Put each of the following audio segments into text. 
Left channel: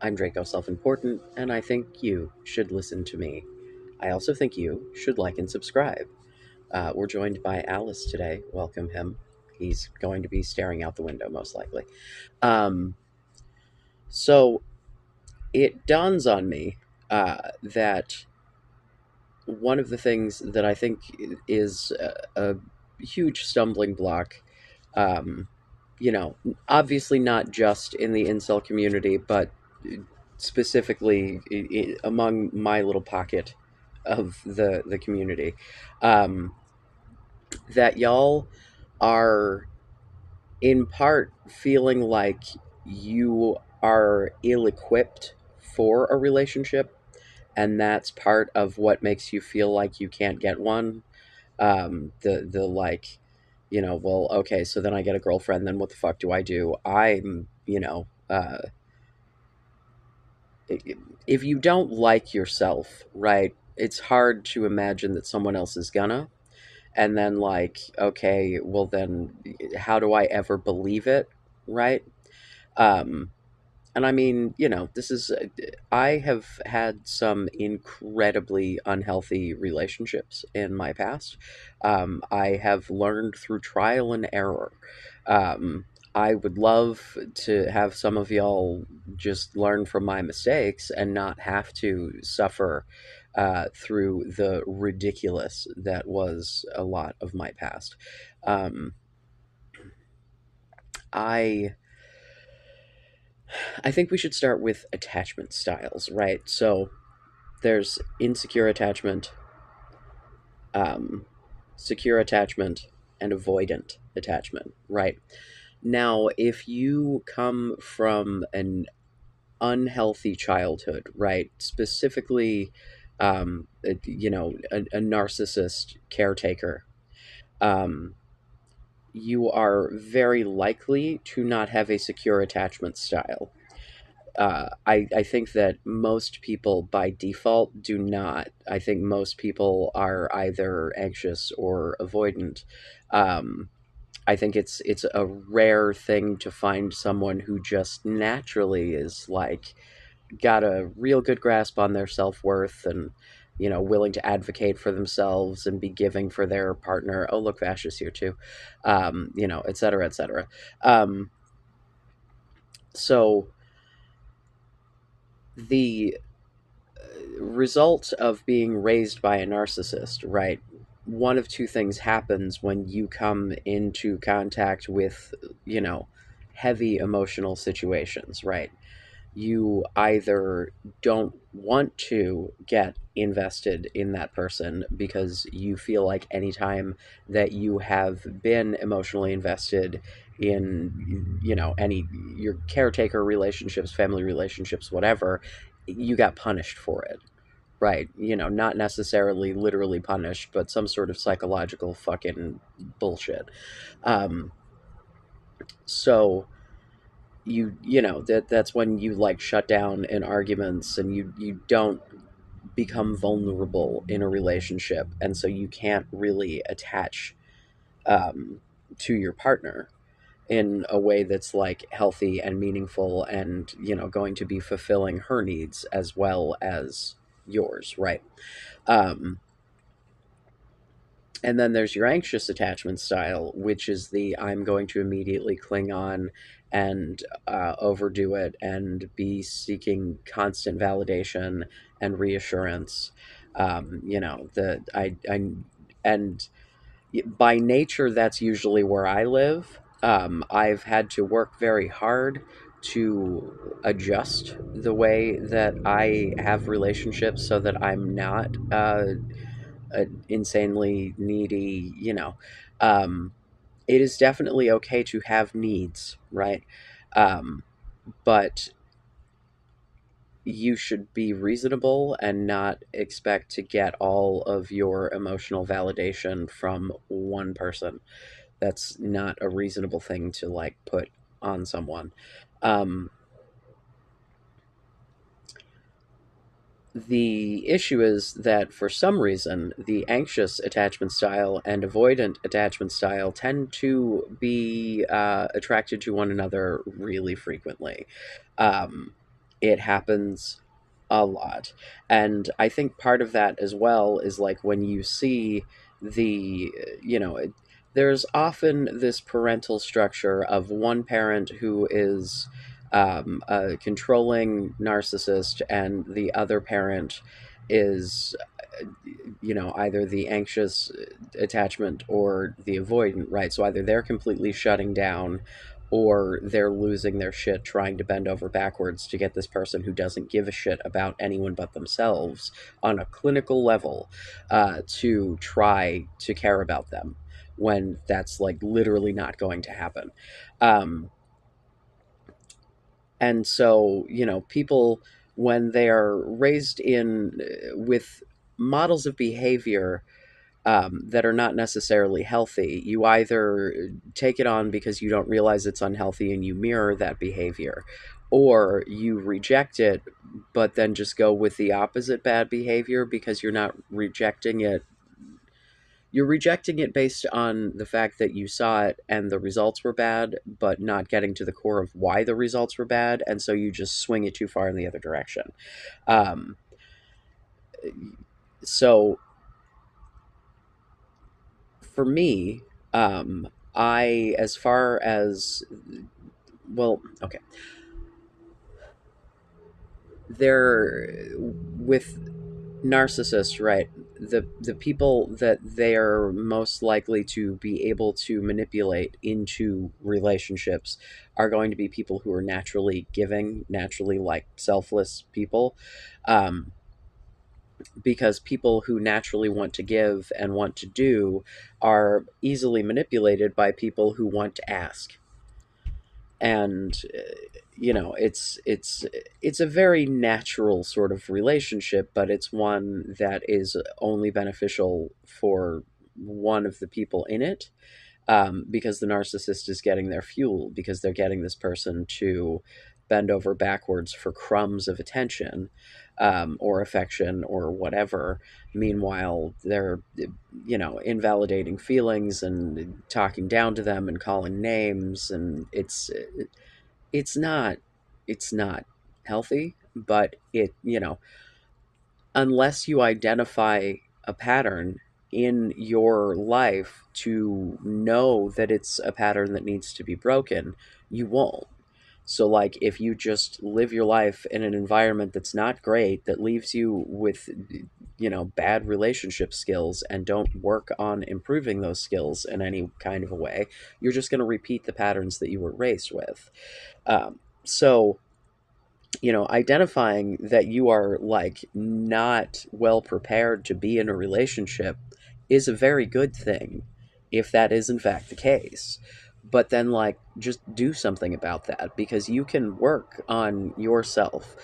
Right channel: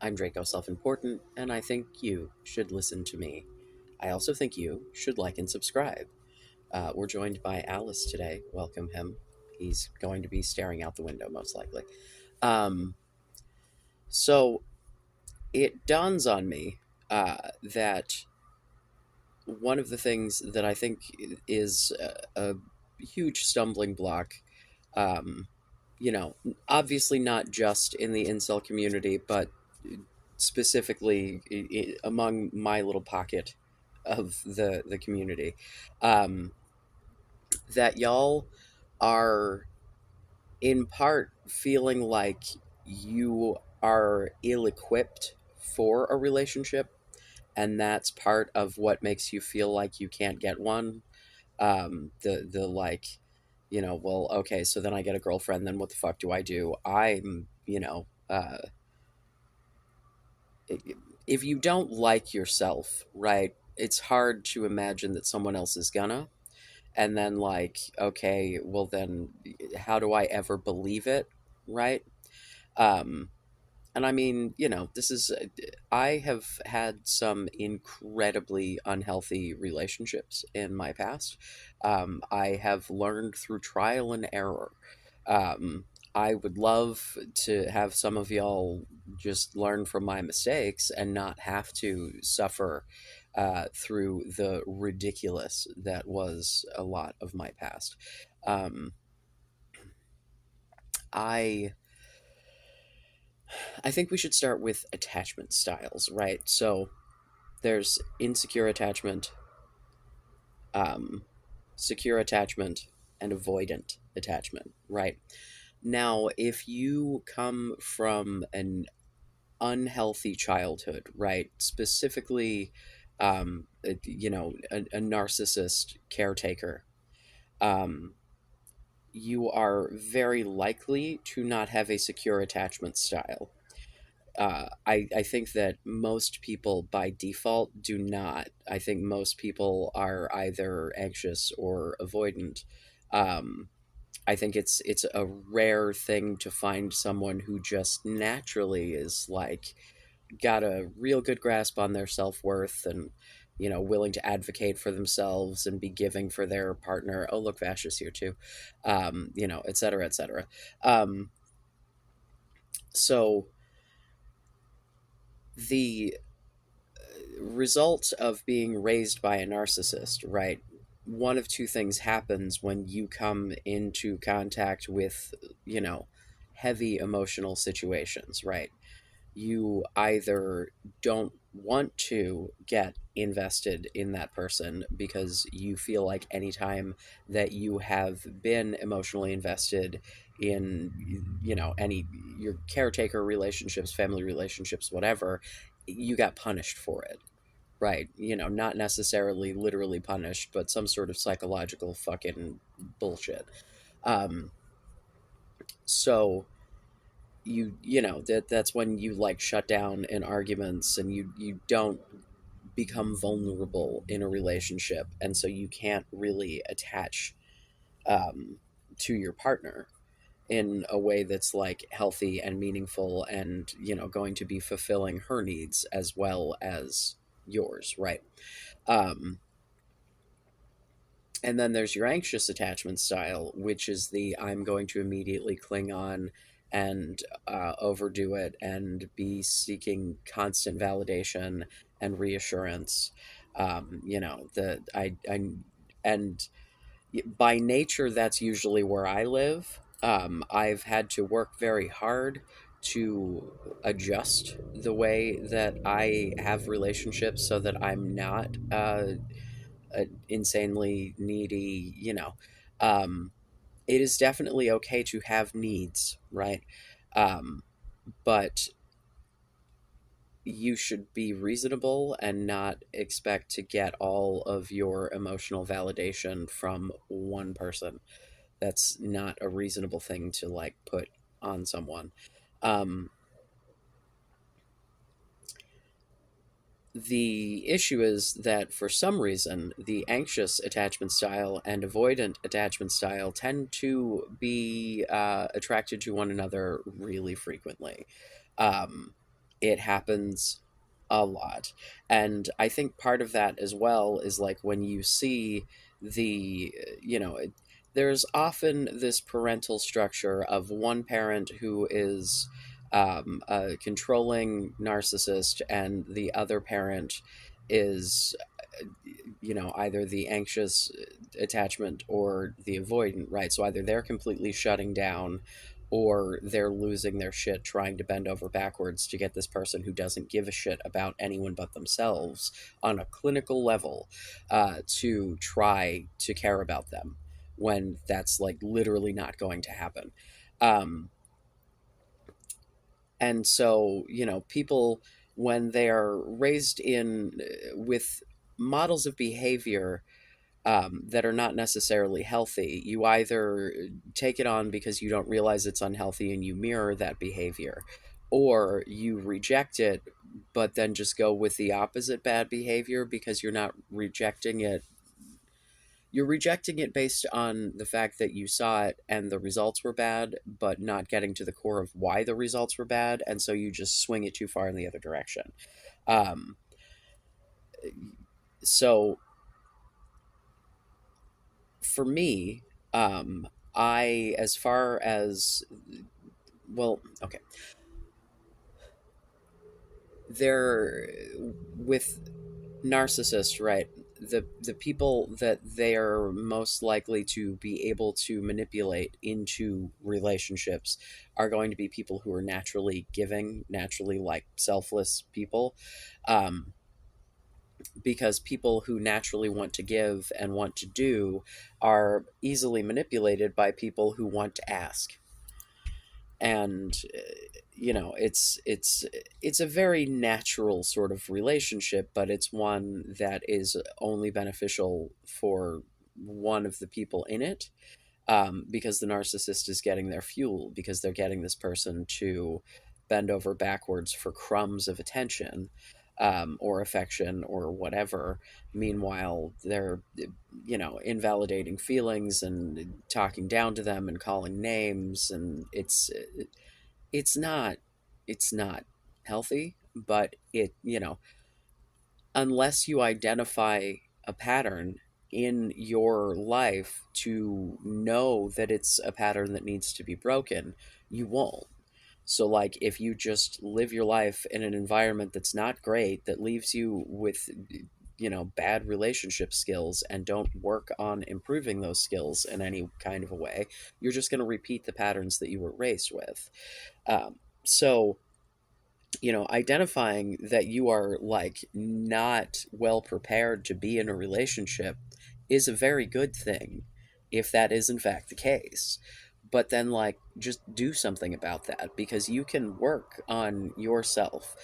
I'm Draco Self Important, and I think you should listen to me. I also think you should like and subscribe. We're joined by Alice today. Welcome him. He's going to be staring out the window, most likely. Um, so it dawns on me that one of the things that I think is a huge stumbling block, um, you know, obviously not just in the incel community, but specifically among my little pocket of the community, um, that y'all are in part feeling like you are ill-equipped for a relationship, and that's part of what makes you feel like you can't get one. The like, well, okay, so then I get a girlfriend, then what the fuck do I do? If you don't like yourself, right, it's hard to imagine that someone else is gonna. And then, like, okay, well, then how do I ever believe it, right? Um, and I mean, this is, I have had some incredibly unhealthy relationships in my past. I have learned through trial and error. Um, I would love to have some of y'all just learn from my mistakes and not have to suffer through the ridiculous that was a lot of my past. Um, I I think we should start with attachment styles, right? So there's insecure attachment, um, secure attachment, and avoidant attachment, right? Now, if you come from an unhealthy childhood, right, specifically, a narcissist caretaker, um, you are very likely to not have a secure attachment style. I think that most people by default do not. I think most people are either anxious or avoidant. Um, I think it's a rare thing to find someone who just naturally is like got a real good grasp on their self worth and willing to advocate for themselves and be giving for their partner. Oh, look, Vash is here too. Et cetera, et cetera. Um, so the result of being raised by a narcissist, right? One of two things happens when you come into contact with, you know, heavy emotional situations, right? You either don't want to get invested in that person because you feel like anytime that you have been emotionally invested in any your caretaker relationships, family relationships, whatever, you got punished for it, right? Not necessarily literally punished, but some sort of psychological fucking bullshit. Um so that's when you like shut down in arguments, and you don't become vulnerable in a relationship, and so you can't really attach um, to your partner in a way that's like healthy and meaningful, and going to be fulfilling her needs as well as yours, right? um, and then there's your anxious attachment style, which is the I'm going to immediately cling on and overdo it and be seeking constant validation and reassurance. The I and by nature, that's usually where I live. I've had to work very hard to adjust the way that I have relationships so that I'm not insanely needy. Um, it is definitely okay to have needs, right? Um, but you should be reasonable and not expect to get all of your emotional validation from one person. That's not a reasonable thing to like put on someone. Um, the issue is that for some reason, the anxious attachment style and avoidant attachment style tend to be attracted to one another really frequently. Um, It happens a lot. And I think part of that as well is like when you see the, you know, there's often this parental structure of one parent who is a controlling narcissist, and the other parent is, either the anxious attachment or the avoidant, right? So either they're completely shutting down or they're losing their shit trying to bend over backwards to get this person who doesn't give a shit about anyone but themselves on a clinical level to try to care about them when that's like literally not going to happen. Um, and so, people, when they are raised in with models of behavior that are not necessarily healthy, you either take it on because you don't realize it's unhealthy and you mirror that behavior, or you reject it, but then just go with the opposite bad behavior because you're rejecting it based on the fact that you saw it and the results were bad, but not getting to the core of why the results were bad, and so you just swing it too far in the other direction. Um, so for me, I, as far as, well, okay, they're with narcissists, right? The people that they are most likely to be able to manipulate into relationships are going to be people who are naturally giving, naturally like selfless people. Um, because people who naturally want to give and want to do are easily manipulated by people who want to ask. And it's a very natural sort of relationship, but it's one that is only beneficial for one of the people in it, because the narcissist is getting their fuel, because they're getting this person to bend over backwards for crumbs of attention, or affection or whatever. Meanwhile, they're, invalidating feelings and talking down to them and calling names, and it's not it's not healthy, but unless you identify a pattern in your life to know that it's a pattern that needs to be broken, you won't. So, like, if you just live your life in an environment that's not great, that leaves you with, bad relationship skills, and don't work on improving those skills in any kind of a way, you're just going to repeat the patterns that you were raised with. So, identifying that you are like not well prepared to be in a relationship is a very good thing if that is in fact the case. But then, like, just do something about that, because you can work on yourself.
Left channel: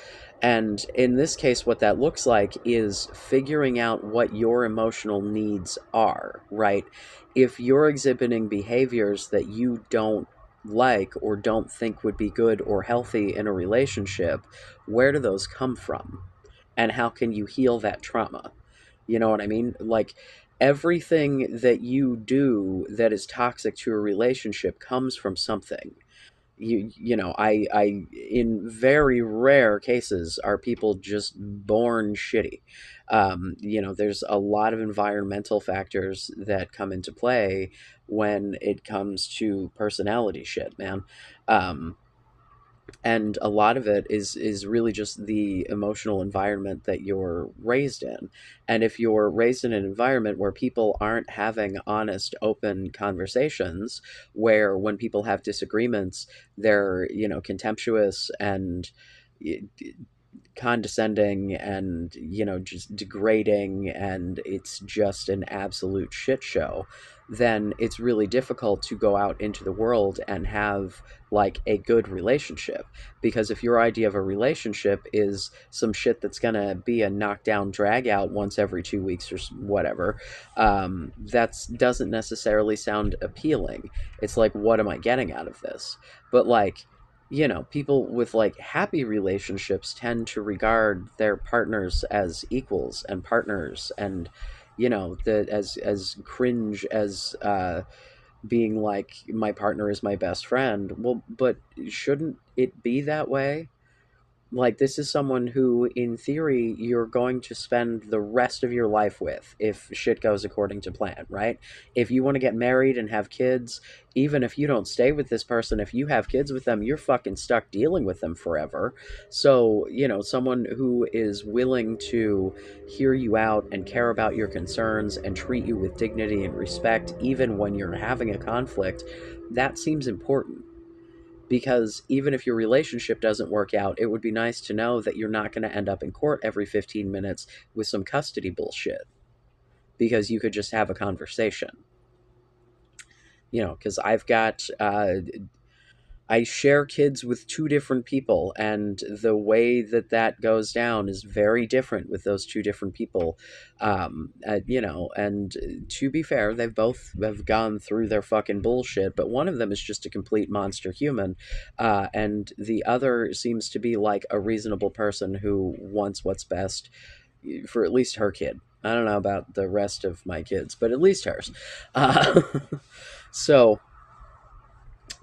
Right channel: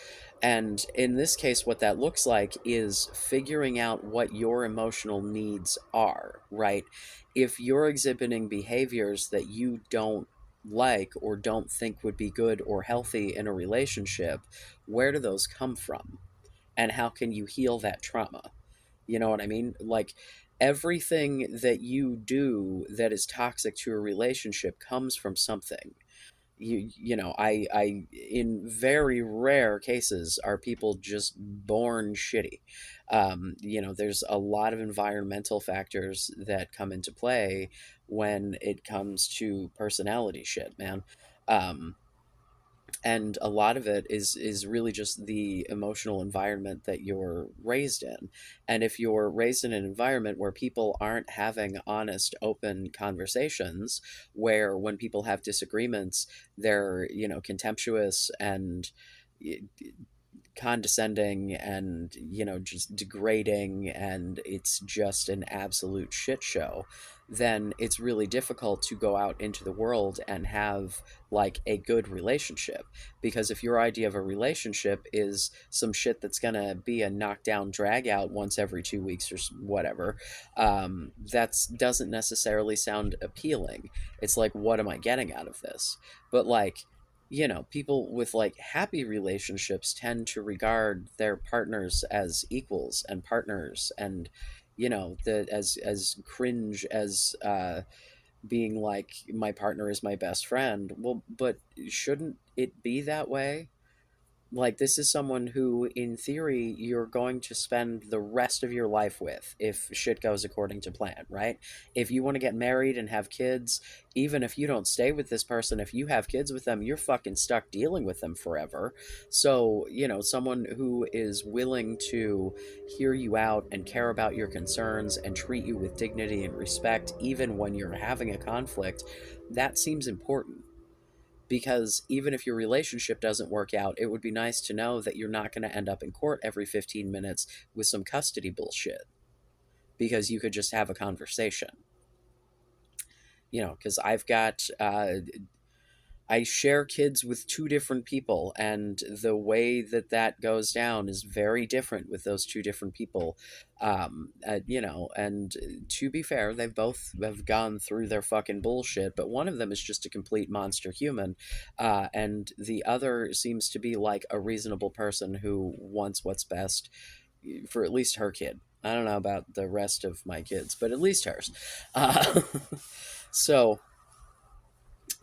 And in this case, what that looks like is figuring out what your emotional needs are, right? If you're exhibiting behaviors that you don't like or don't think would be good or healthy in a relationship, where do those come from? And how can you heal that trauma? You know what I mean? Like, everything that you do that is toxic to a relationship comes from something. I in very rare cases are people just born shitty. There's a lot of environmental factors that come into play when it comes to personality shit, man. um, and a lot of it is really just the emotional environment that you're raised in. And if you're raised in an environment where people aren't having honest, open conversations, where when people have disagreements, they're, contemptuous and condescending and, just degrading, and it's just an absolute shit show, then it's really difficult to go out into the world and have like a good relationship. Because if your idea of a relationship is some shit that's gonna be a knockdown drag out once every 2 weeks or whatever, that's doesn't necessarily sound appealing. It's like, what am I getting out of this? But like, people with like happy relationships tend to regard their partners as equals and partners, and the as cringe as being like, my partner is my best friend. Well, but shouldn't it be that way? Like, this is someone who, in theory, you're going to spend the rest of your life with if shit goes according to plan, right? If you want to get married and have kids, even if you don't stay with this person, if you have kids with them, you're fucking stuck dealing with them forever. So, someone who is willing to hear you out and care about your concerns and treat you with dignity and respect, even when you're having a conflict, that seems important, because even if your relationship doesn't work out, it would be nice to know that you're not going to end up in court every 15 minutes with some custody bullshit, because you could just have a conversation. Because I share kids with two different people, and the way that that goes down is very different with those two different people. And to be fair, they've both have gone through their fucking bullshit, but one of them is just a complete monster human, and the other seems to be like a reasonable person who wants what's best for at least her kid. I don't know about the rest of my kids, but at least hers. Uh, so,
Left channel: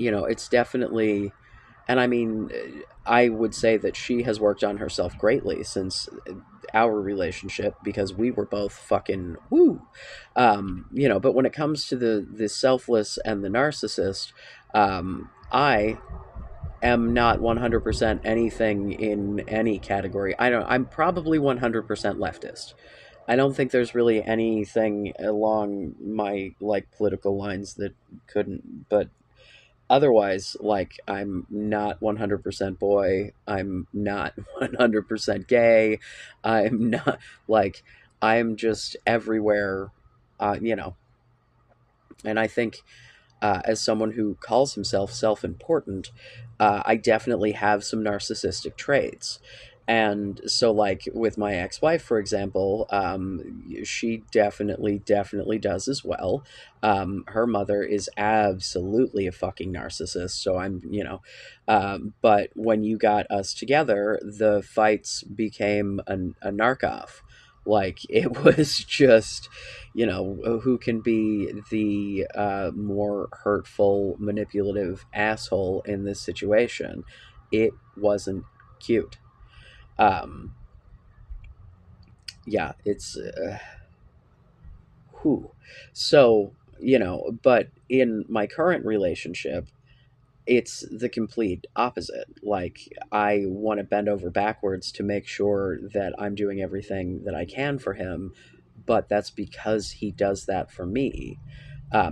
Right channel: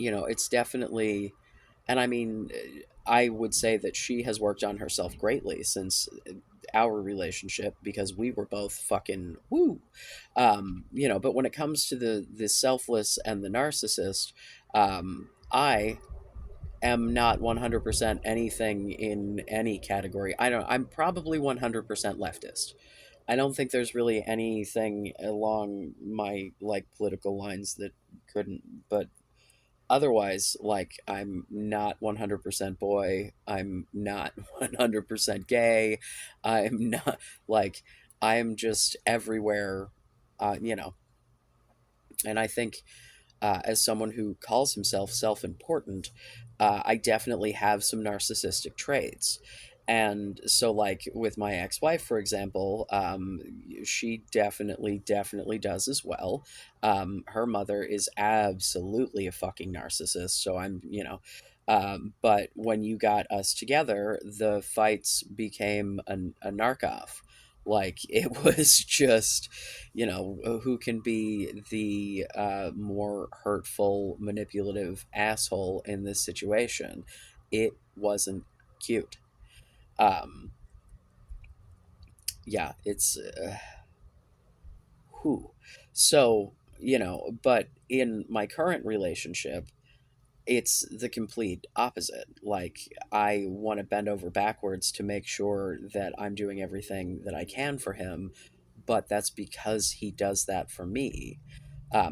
it's definitely, and I mean, I would say that she has worked on herself greatly since our relationship, because we were both fucking woo. But when it comes to the selfless and the narcissist, I am not 100% anything in any category. I'm probably 100% leftist. I don't think there's really anything along my like political lines that couldn't, but otherwise, like, I'm not 100% boy, I'm not 100% gay, I'm not, like, I'm just everywhere, you know. And I think, as someone who calls himself self-important, I definitely have some narcissistic traits. And so, like, with my ex-wife, for example, she definitely does as well. Her mother is absolutely a fucking narcissist, so but when you got us together, the fights became a narc-off. Like, it was just, who can be the more hurtful, manipulative asshole in this situation. It wasn't cute. Um, yeah, it's who. So, but in my current relationship, it's the complete opposite. Like, I want to bend over backwards to make sure that I'm doing everything that I can for him, but that's because he does that for me.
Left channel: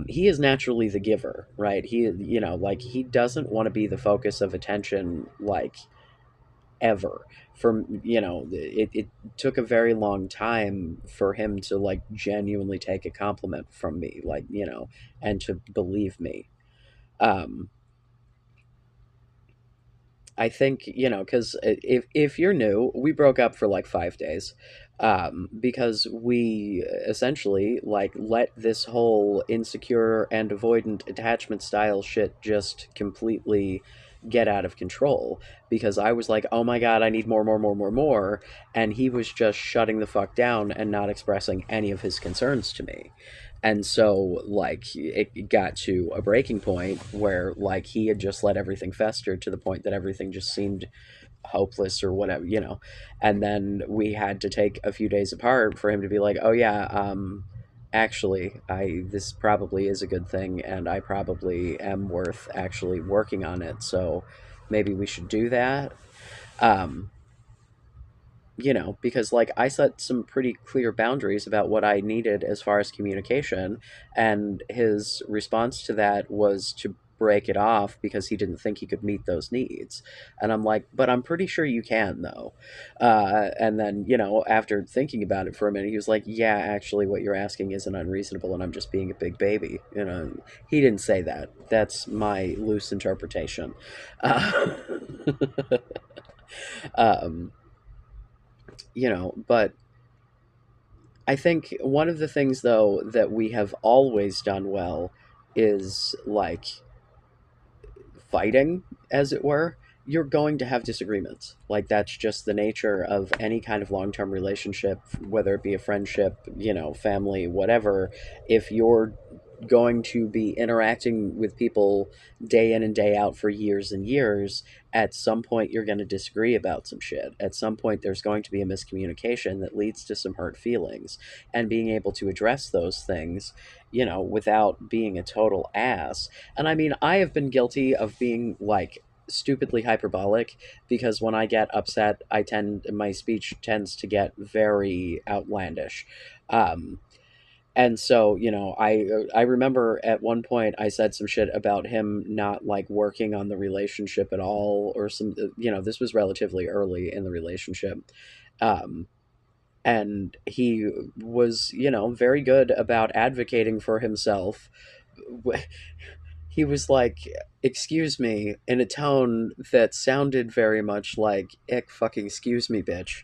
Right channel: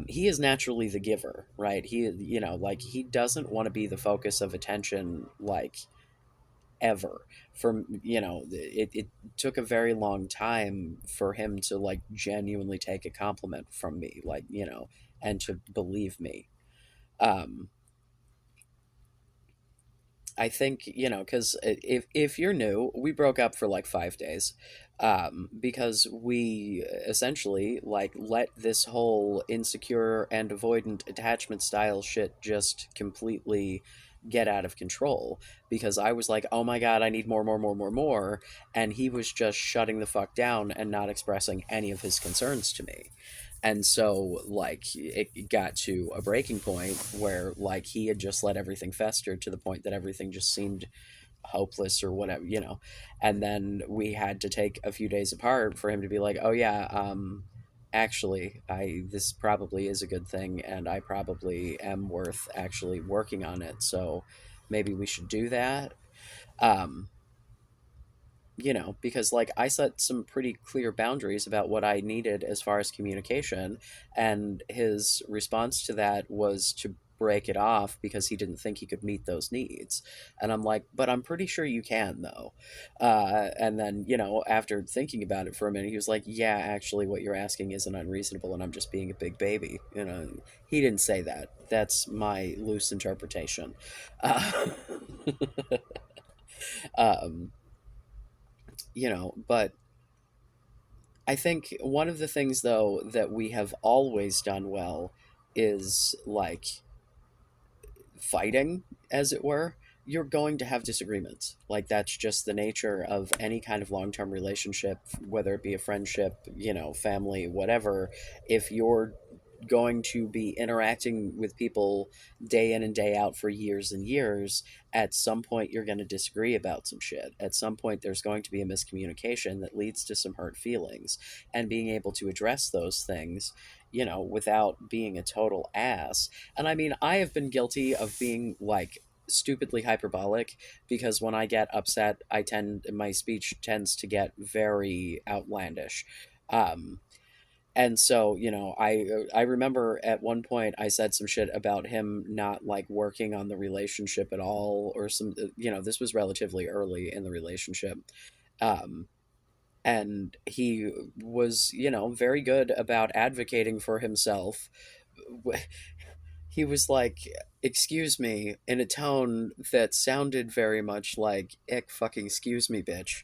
He is naturally the giver, right? Like, he doesn't want to be the focus of attention, like, ever. It took a very long time for him to, like, genuinely take a compliment from me, like, and to believe me. Um, I think, because if you're new, we broke up for like 5 days, because we essentially, like, let this whole insecure and avoidant attachment style shit just completely get out of control. Because I was like, oh my god, I need more, more, more, more, more, and he was just shutting the fuck down and not expressing any of his concerns to me. And so, like, it got to a breaking point where, like, he had just let everything fester to the point that everything just seemed hopeless or whatever. And then we had to take a few days apart for him to be like, oh yeah, actually, I this probably is a good thing, and I probably am worth actually working on it, so maybe we should do that. um because, like, I set some pretty clear boundaries about what I needed as far as communication, and his response to that was to break it off because he didn't think he could meet those needs. And I'm like, but I'm pretty sure you can, though. And then, after thinking about it for a minute, he was like, yeah, actually, what you're asking isn't unreasonable, and I'm just being a big baby. He didn't say that. That's my loose interpretation. Uh, um, but I think one of the things, though, that we have always done well is, like, fighting, as it were. You're going to have disagreements. Like, that's just the nature of any kind of long term relationship, whether it be a friendship, family, whatever. If you're going to be interacting with people day in and day out for years and years, at some point you're going to disagree about some shit. At some point there's going to be a miscommunication that leads to some hurt feelings, and being able to address those things, without being a total ass. And I mean, I have been guilty of being like stupidly hyperbolic, because when I get upset, my speech tends to get very outlandish. Um, and so, I remember at one point I said some shit about him not like working on the relationship at all, or some, this was relatively early in the relationship. Um, and he was, very good about advocating for himself. He was like, "Excuse me," in a tone that sounded very much like "ick fucking excuse me, bitch,"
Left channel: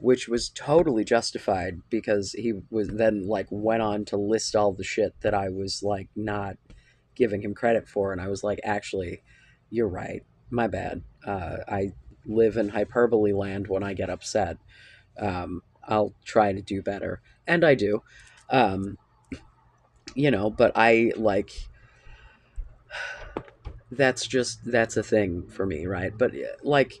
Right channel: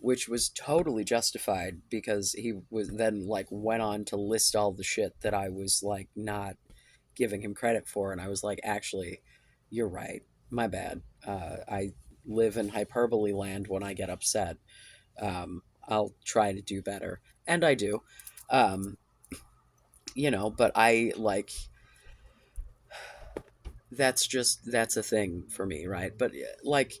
which was totally justified, because he was then like went on to list all the shit that I was like not giving him credit for, and I was like, "Actually, you're right. My bad. I live in hyperbole land when I get upset. I'll try to do better," and I do. Um, but I like, that's a thing for me, right? But like,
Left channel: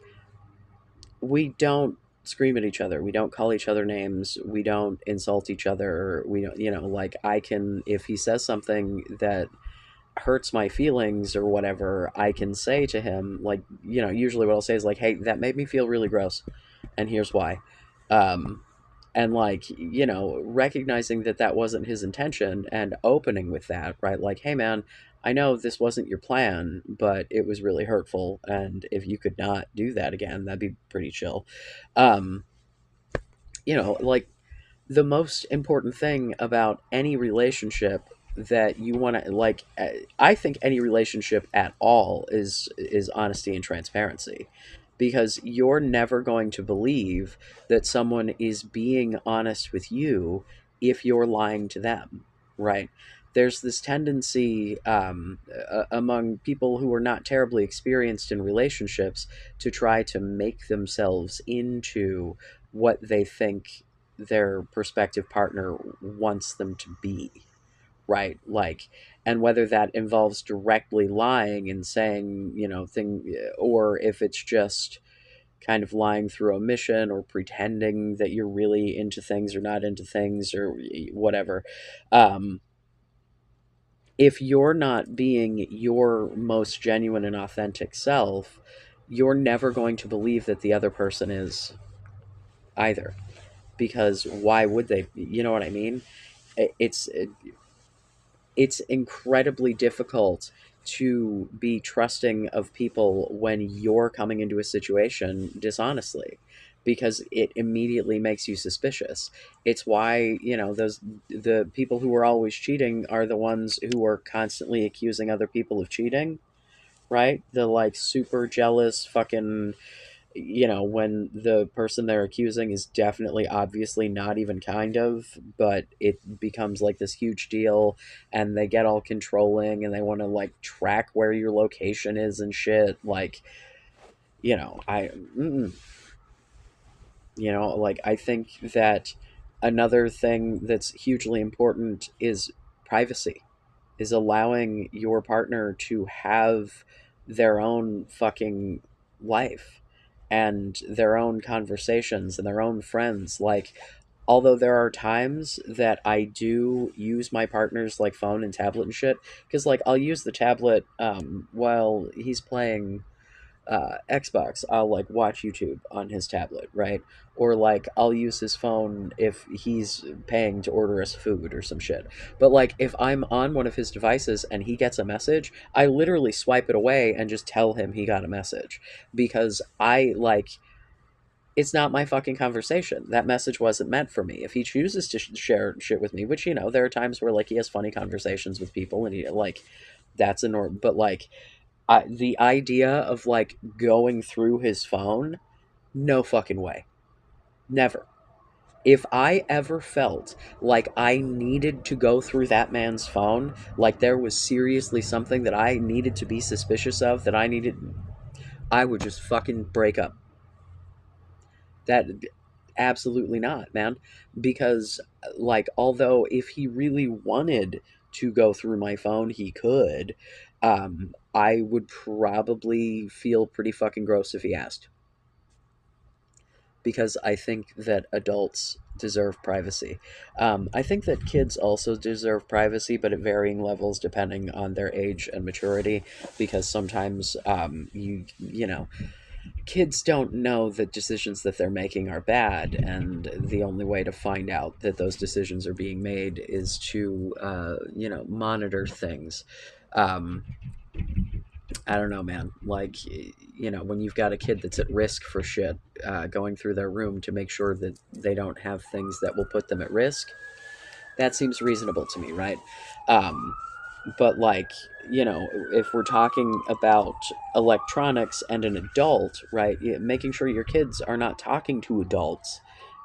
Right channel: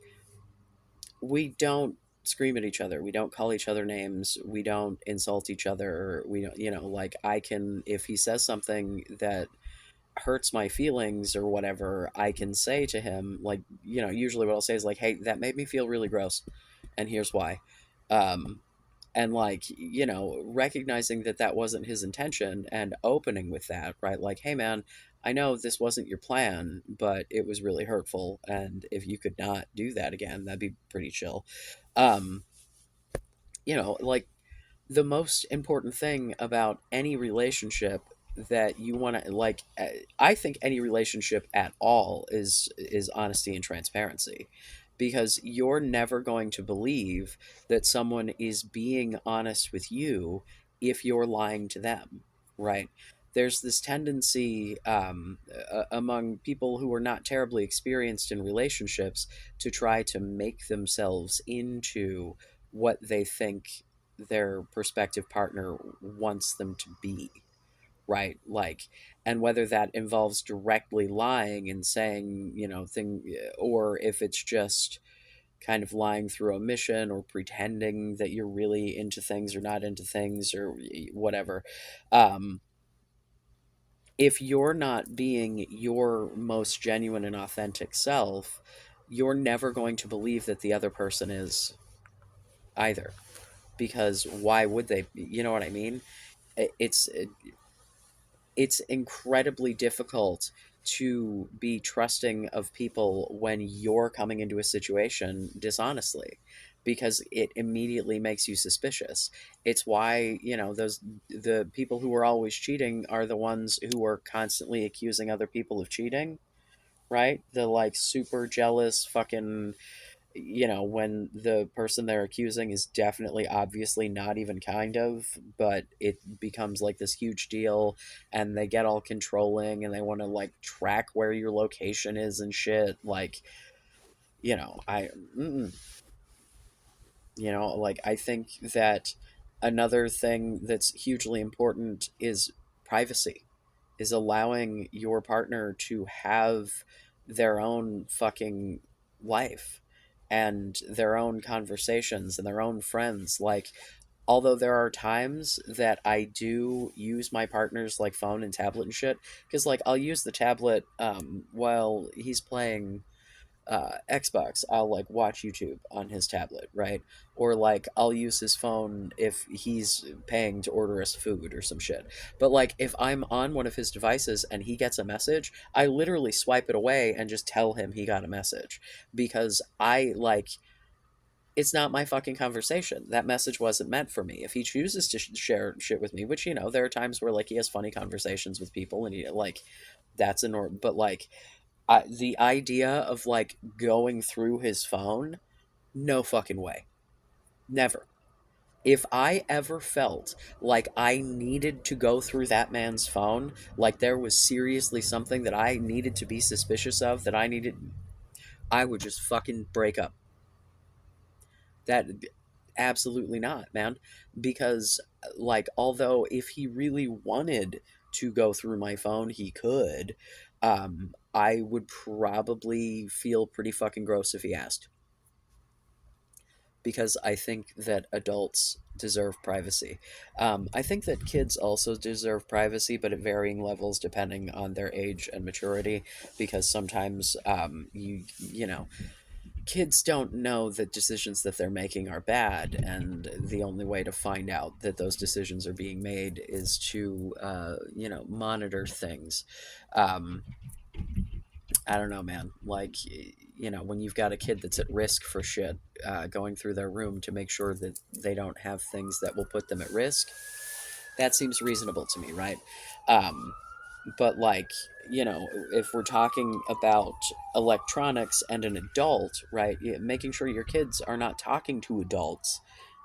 we don't scream at each other, we don't call each other names, we don't insult each other, we don't, like, I can, if he says something that hurts my feelings or whatever, I can say to him, like, usually what I'll say is like, "Hey, that made me feel really gross, and here's why." um and like, recognizing that that wasn't his intention, and opening with that, right? Like, "Hey man, I know this wasn't your plan, but it was really hurtful, and if you could not do that again, that'd be pretty chill." um like, the most important thing about any relationship that you want to, like, I think any relationship at all is honesty and transparency, because you're never going to believe that someone is being honest with you if you're lying to them, right? There's this tendency, among people who are not terribly experienced in relationships, to try to make themselves into what they think their prospective partner wants them to be, right? Like, and whether that involves directly lying and saying, thing, or if it's just kind of lying through omission, or pretending that you're really into things or not into things, or whatever. um if you're not being your most genuine and authentic self, you're never going to believe that the other person is either, because why would they? You know what I mean? It's incredibly difficult to be trusting of people when you're coming into a situation dishonestly, because it immediately makes you suspicious. It's why, those, the people who are always cheating are the ones who are constantly accusing other people of cheating, right? The like super jealous fucking, when the person they're accusing is definitely obviously not even kind of, but it becomes like this huge deal, and they get all controlling, and they want to like track where your location is and shit. Like, I, like, I think that another thing that's hugely important is privacy, is allowing your partner to have their own fucking life, and their own conversations, and their own friends. Like, although there are times that I do use my partner's like phone and tablet and shit, because like I'll use the tablet while he's playing Xbox, I'll like watch YouTube on his tablet, right? Or like I'll use his phone if he's paying to order us food or some shit. But like if I'm on one of his devices and he gets a message, I literally swipe it away and just tell him he got a message, because I like, it's not my fucking conversation. That message wasn't meant for me. If he chooses to share shit with me, which, there are times where like he has funny conversations with people, and he like, that's a norm. But like, the idea of like going through his phone, no fucking way. Never. If I ever felt like I needed to go through that man's phone, like there was seriously something that I needed to be suspicious of, that I needed, I would just fucking break up. That, absolutely not, man. Because like, although if he really wanted to go through my phone, he could. I would probably feel pretty fucking gross if he asked, because I think that adults deserve privacy. I think that kids also deserve privacy, but at varying levels depending on their age and maturity. Because sometimes, you know, kids don't know that decisions that they're making are bad, and the only way to find out that those decisions are being made is to, monitor things. Um, I don't know, man. Like, when you've got a kid that's at risk for shit, going through their room to make sure that they don't have things that will put them at risk, that seems reasonable to me, right? Um, but, like, if we're talking about electronics and an adult, right, making sure your kids are not talking to adults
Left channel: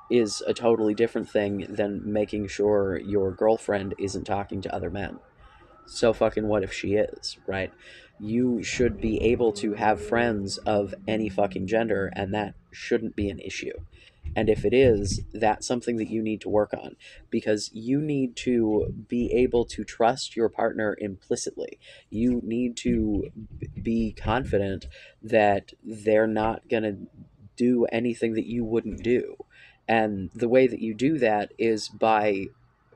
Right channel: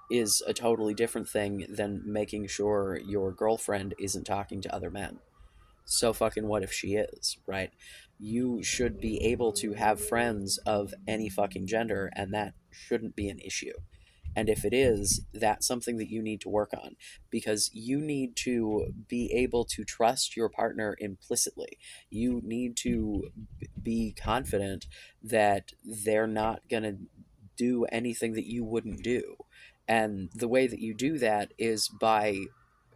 is a totally different thing than making sure your girlfriend isn't talking to other men. So fucking what if she is, right? You should be able to have friends of any fucking gender, and that shouldn't be an issue. And if it is, that's something that you need to work on, because you need to be able to trust your partner implicitly. You need to be confident that they're not going to do anything that you wouldn't do. And the way that you do that is by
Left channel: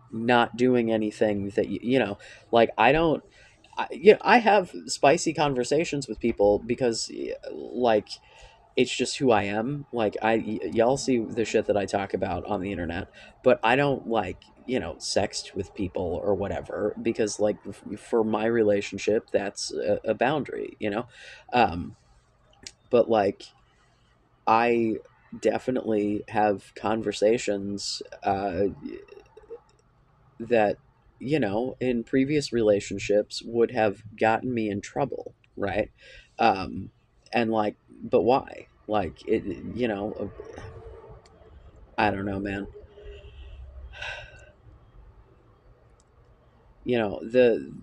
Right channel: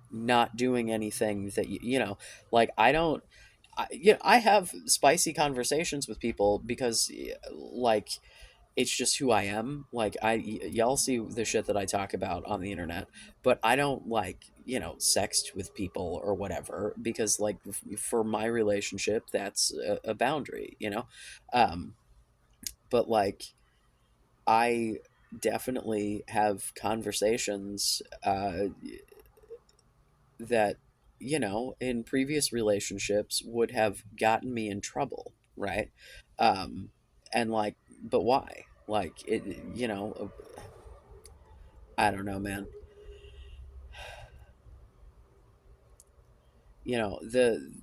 not doing anything that like I don't I have spicy conversations with people because, like, it's just who I am. Like, y'all see the shit that I talk about on the internet, but I don't, like, sext with people or whatever, because, like, for my relationship, that's a boundary, um but, like, I definitely have conversations that, in previous relationships would have gotten me in trouble, right? um and, like, but why? Like, it, I don't know, man. The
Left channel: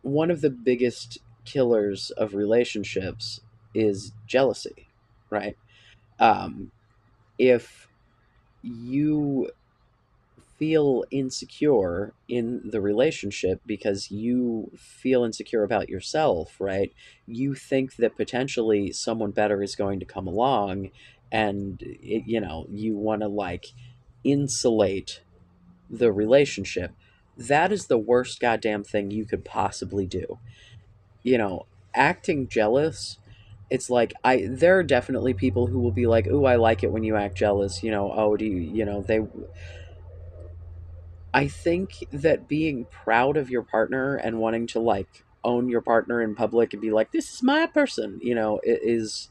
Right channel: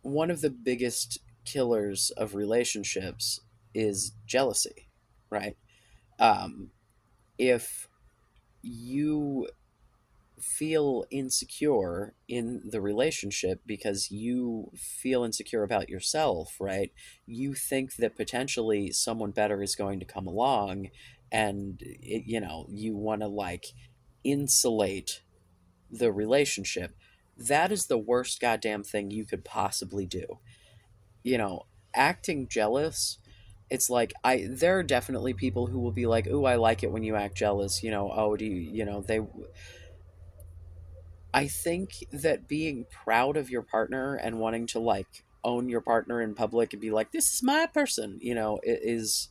one of the biggest killers of relationships is jealousy, right? um if you feel insecure in the relationship because you feel insecure about yourself, right? You think that potentially someone better is going to come along, and you want to, like, insulate the relationship. That is the worst goddamn thing you could possibly do. You know, Acting jealous, it's like, there are definitely people who will be like, "Ooh, I like it when you act jealous." Oh, do you, they I think that being proud of your partner and wanting to, like, own your partner in public and be like, "This is my person," is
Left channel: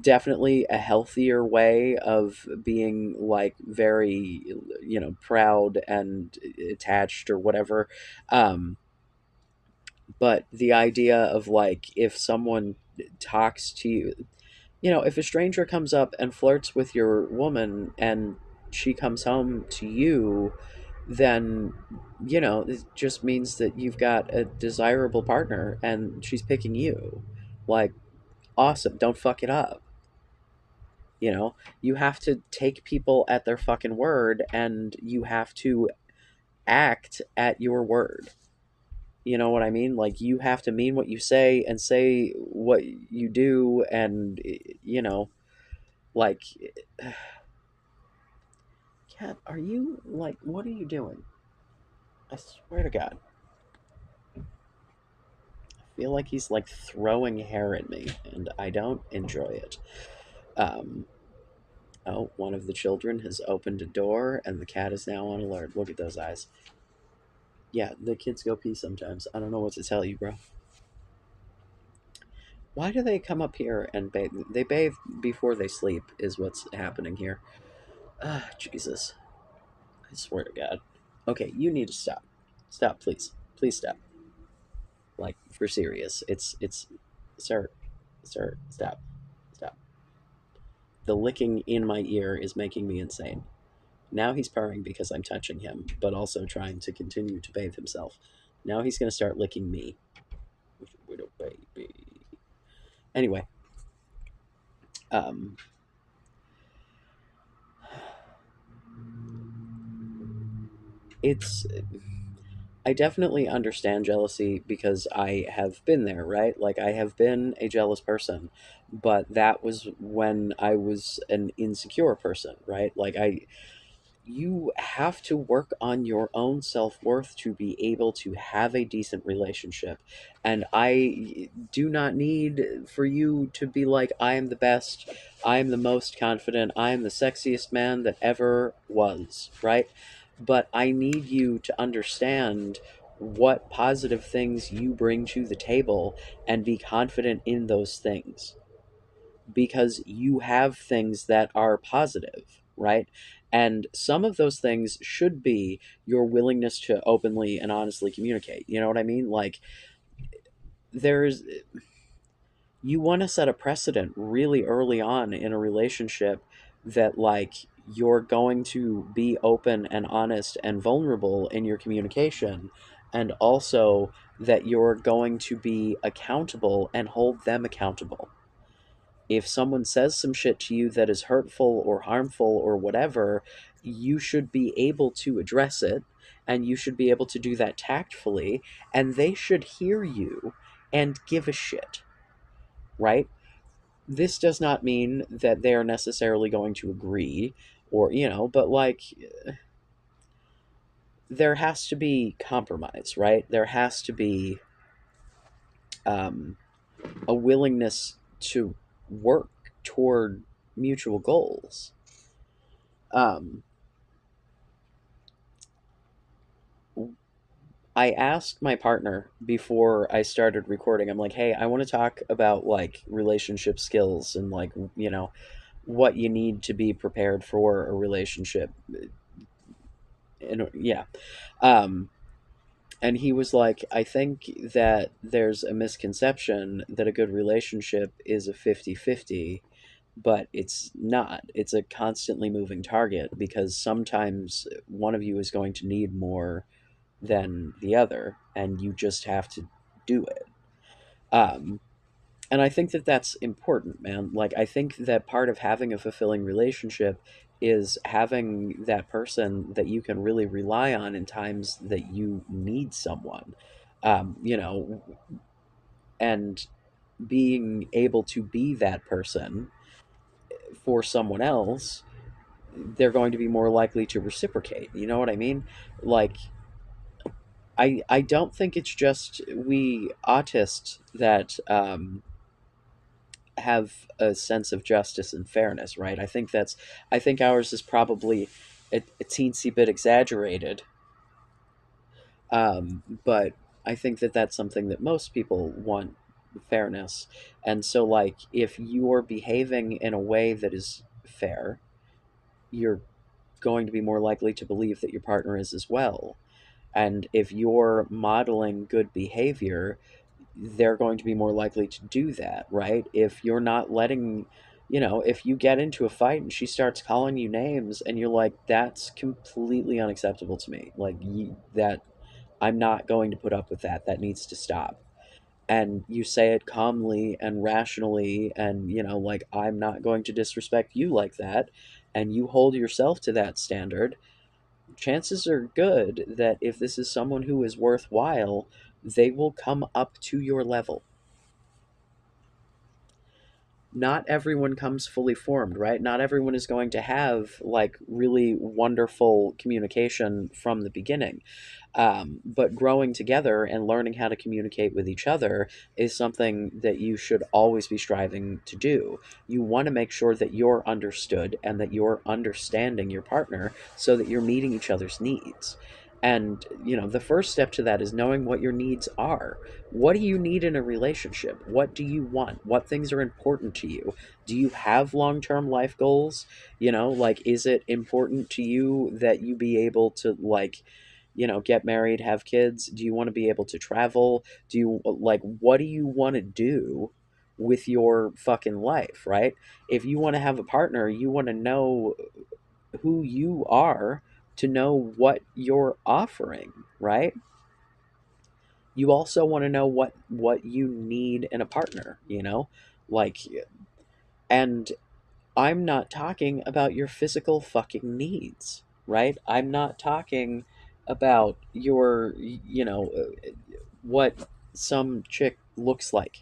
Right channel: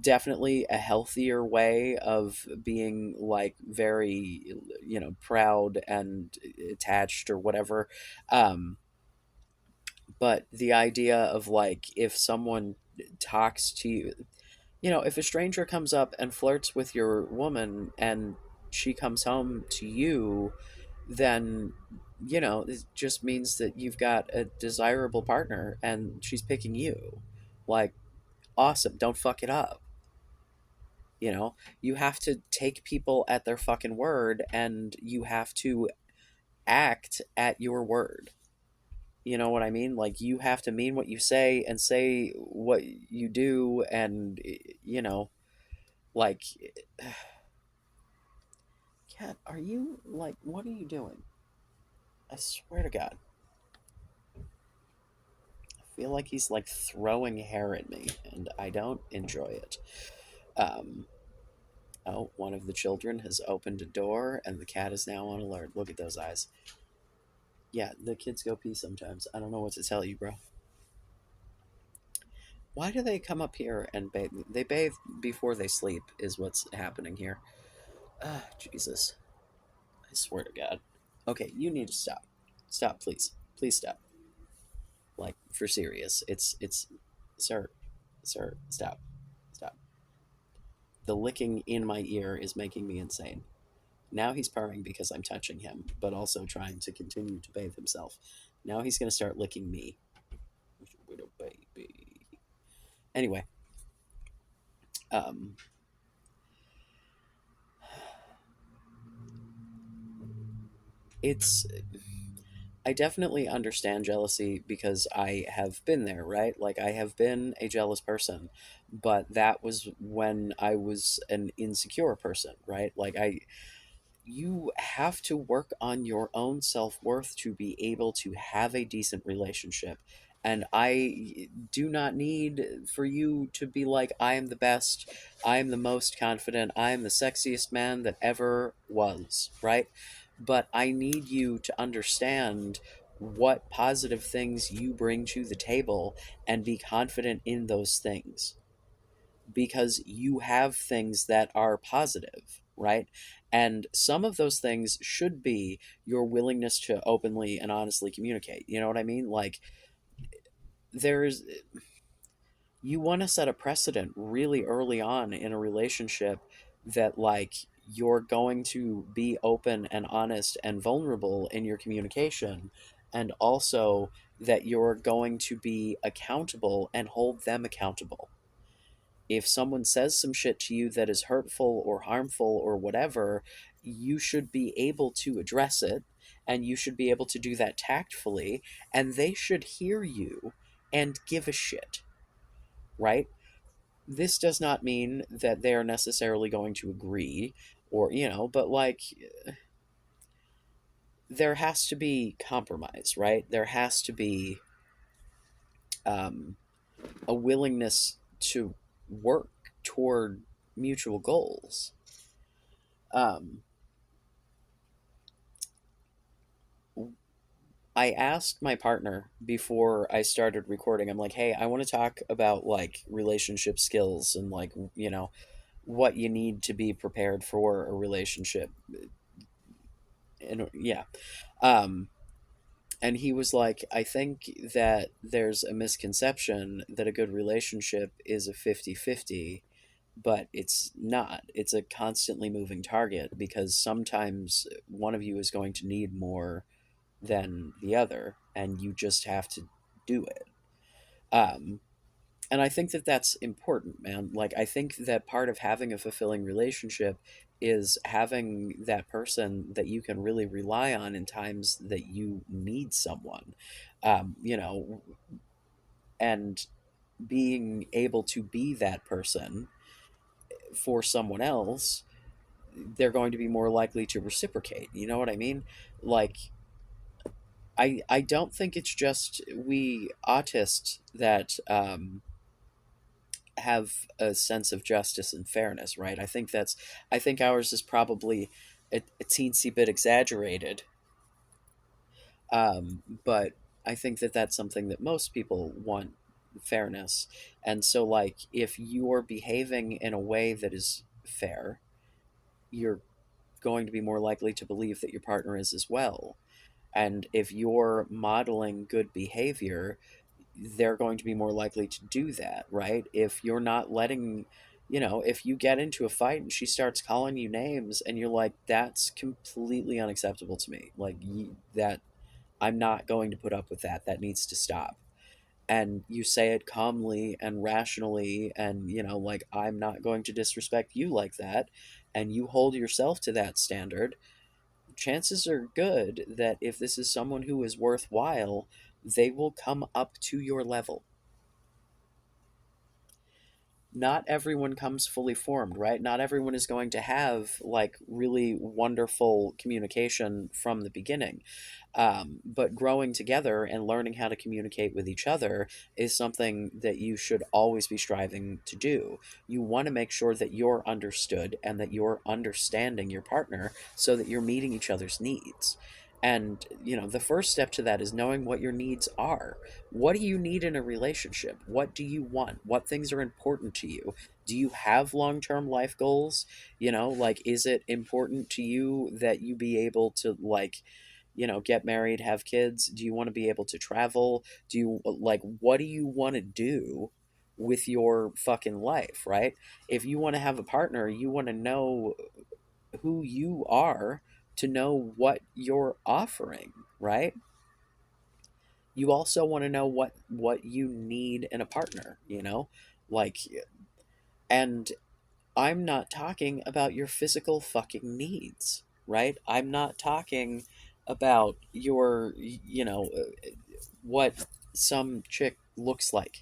definitely a healthier way of being, like, very, proud and attached or whatever. Um, but the idea of, like, if someone talks to you, if a stranger comes up and flirts with your woman and she comes home to you, then, it just means that you've got a desirable partner and she's picking you. Like, awesome. Don't fuck it up. You have to take people at their fucking word, and you have to act at your word. You know what I mean? Like, you have to mean what you say and say what you do, and, like, Cat, are you, like, what are you doing? I swear to God. I feel like he's, like, throwing hair at me, and I don't enjoy it. Um, oh, one of the children has opened a door, and the cat is now on alert. Look at those eyes. Yeah, the kids go pee sometimes. I don't know what to tell you, bro. Why do they come up here and bathe? They bathe before they sleep, is what's happening here. Ah, Jesus. I swear to God. Okay, you need to stop. Stop, please. Please stop. Like, for serious. Sir, sir, stop. Stop. The licking in my ear is making me insane. Now he's purring because I'm touching him, but also trying to continue to bathe himself. Now he's going to start licking me. Little baby. Anyway, um, it's. I definitely understand jealousy because I have been there, right? Like, I have been a jealous person, but that was when I was an insecure person, right? Like, you have to work on your own self-worth to be able to have a decent relationship. And I do not need for you to be like, I am the best, I am the most confident, I am the sexiest man that ever was, right? But I need you to understand what positive things you bring to the table and be confident in those things, because you have things that are positive, right? And some of those things should be your willingness to openly and honestly communicate. You know what I mean? Like, there's, you want to set a precedent really early on in a relationship that, like, you're going to be open and honest and vulnerable in your communication, and also that you're going to be accountable and hold them accountable. If someone says some shit to you that is hurtful or harmful or whatever, you should be able to address it, and you should be able to do that tactfully, and they should hear you and give a shit, right? This does not mean that they are necessarily going to agree, or, but like, there has to be compromise, right? There has to be um, a willingness to work toward mutual goals. Um, I asked my partner before I started recording. I'm like, "Hey, I want to talk about like relationship skills and like, what you need to be prepared for a relationship." And yeah. Um and he was like, "I think that there's a misconception that a good relationship is a 50-50, but it's not. It's a constantly moving target because sometimes one of you is going to need more than the other, and you just have to do it." Um, and I think that that's important, man. Like, I think that part of having a fulfilling relationship is having that person that you can really rely on in times that you need someone, you know, and being able to be that person for someone else. They're going to be more likely to reciprocate. You know what I mean? Like, I don't think it's just we autists that have a sense of justice and fairness, right? I think ours is probably a teensy bit exaggerated, but I think that that's something that most people want, fairness. And so, like, if you're behaving in a way that is fair, you're going to be more likely to believe that your partner is as well. And if you're modeling good behavior, they're going to be more likely to do that, right? If you're not letting, if you get into a fight and she starts calling you names and you're like, that's completely unacceptable to me. Like, that I'm not going to put up with that. That needs to stop. And you say it calmly and rationally, and, like, I'm not going to disrespect you like that. And you hold yourself to that standard. Chances are good that if this is someone who is worthwhile, they will come up to your level. Not everyone comes fully formed, right? Not everyone is going to have like really wonderful communication from the beginning. But growing together and learning how to communicate with each other is something that you should always be striving to do. You want to make sure that you're understood and that you're understanding your partner so that you're meeting each other's needs. And, the first step to that is knowing what your needs are. What do you need in a relationship? What do you want? What things are important to you? Do you have long term life goals? Like, is it important to you that you be able to, like, get married, have kids? Do you want to be able to travel? Do you, like, what do you want to do with your fucking life, right? If you want to have a partner, you want to know who you are to know what you're offering, right? You also want to know what you need in a partner, like, and I'm not talking about your physical fucking needs, right? I'm not talking about what some chick looks like.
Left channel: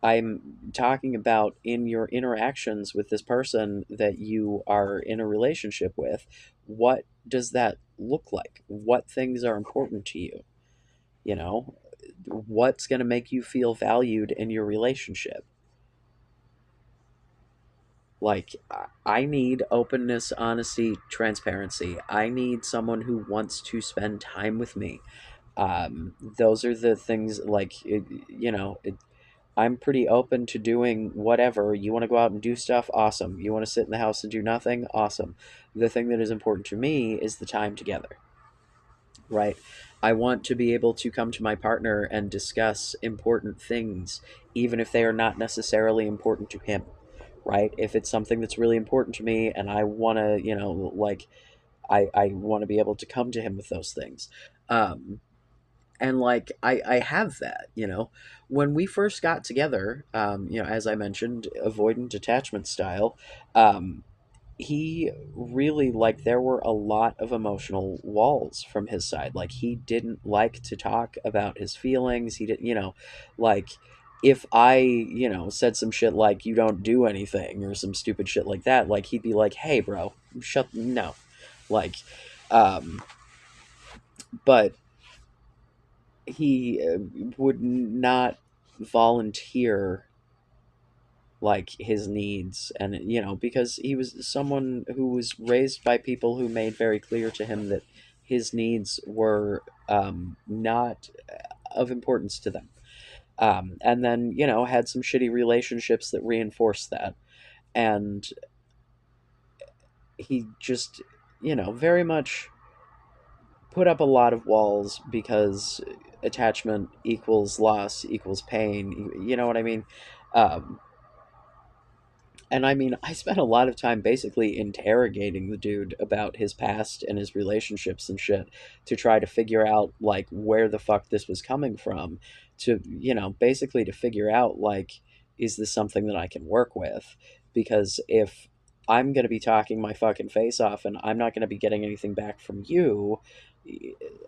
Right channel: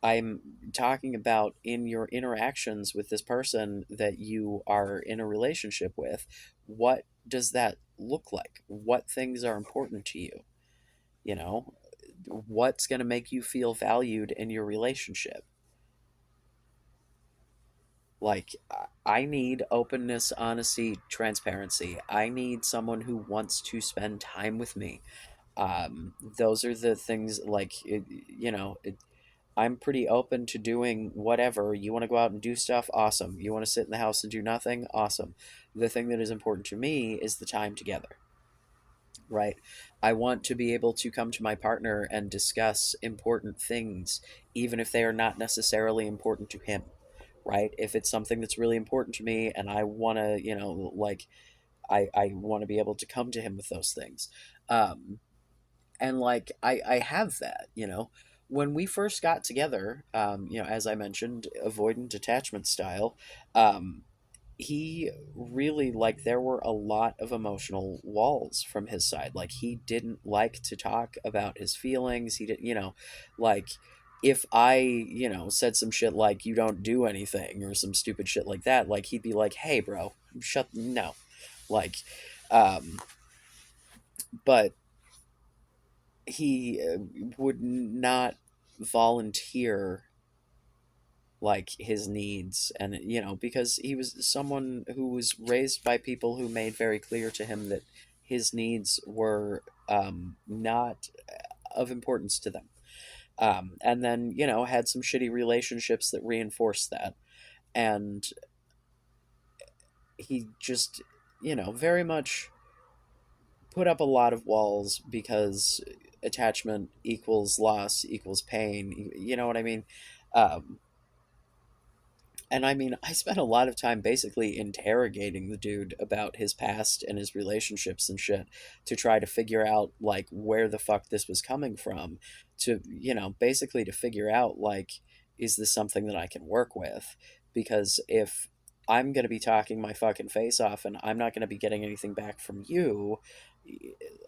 I'm talking about in your interactions with this person that you are in a relationship with. What does that look like? What things are important to you? You know, what's going to make you feel valued in your relationship? Like, I need openness, honesty, transparency. I need someone who wants to spend time with me. Those are the things, like, I'm pretty open to doing whatever. You want to go out and do stuff? Awesome. You want to sit in the house and do nothing? Awesome. The thing that is important to me is the time together, right? I want to be able to come to my partner and discuss important things, even if they are not necessarily important to him, right? If it's something that's really important to me and I want to, I want to be able to come to him with those things. Um, and like I have that, when we first got together, as I mentioned, avoidant attachment style. um, he really, like, there were a lot of emotional walls from his side. Like, he didn't like to talk about his feelings. He didn't, like, if I, said some shit like you don't do anything or some stupid shit like that, like, he'd be like, hey bro, shut no, like, um but he would not volunteer like his needs. And because he was someone who was raised by people who made very clear to him that his needs were not of importance to them. And then had some shitty relationships that reinforced that. And he just very much put up a lot of walls because attachment equals loss equals pain. You know what I mean? Um, and I mean, I spent a lot of time basically interrogating the dude about his past and his relationships and shit to try to figure out like where the fuck this was coming from, to, basically to figure out like, is this something that I can work with? Because if I'm going to be talking my fucking face off and I'm not going to be getting anything back from you,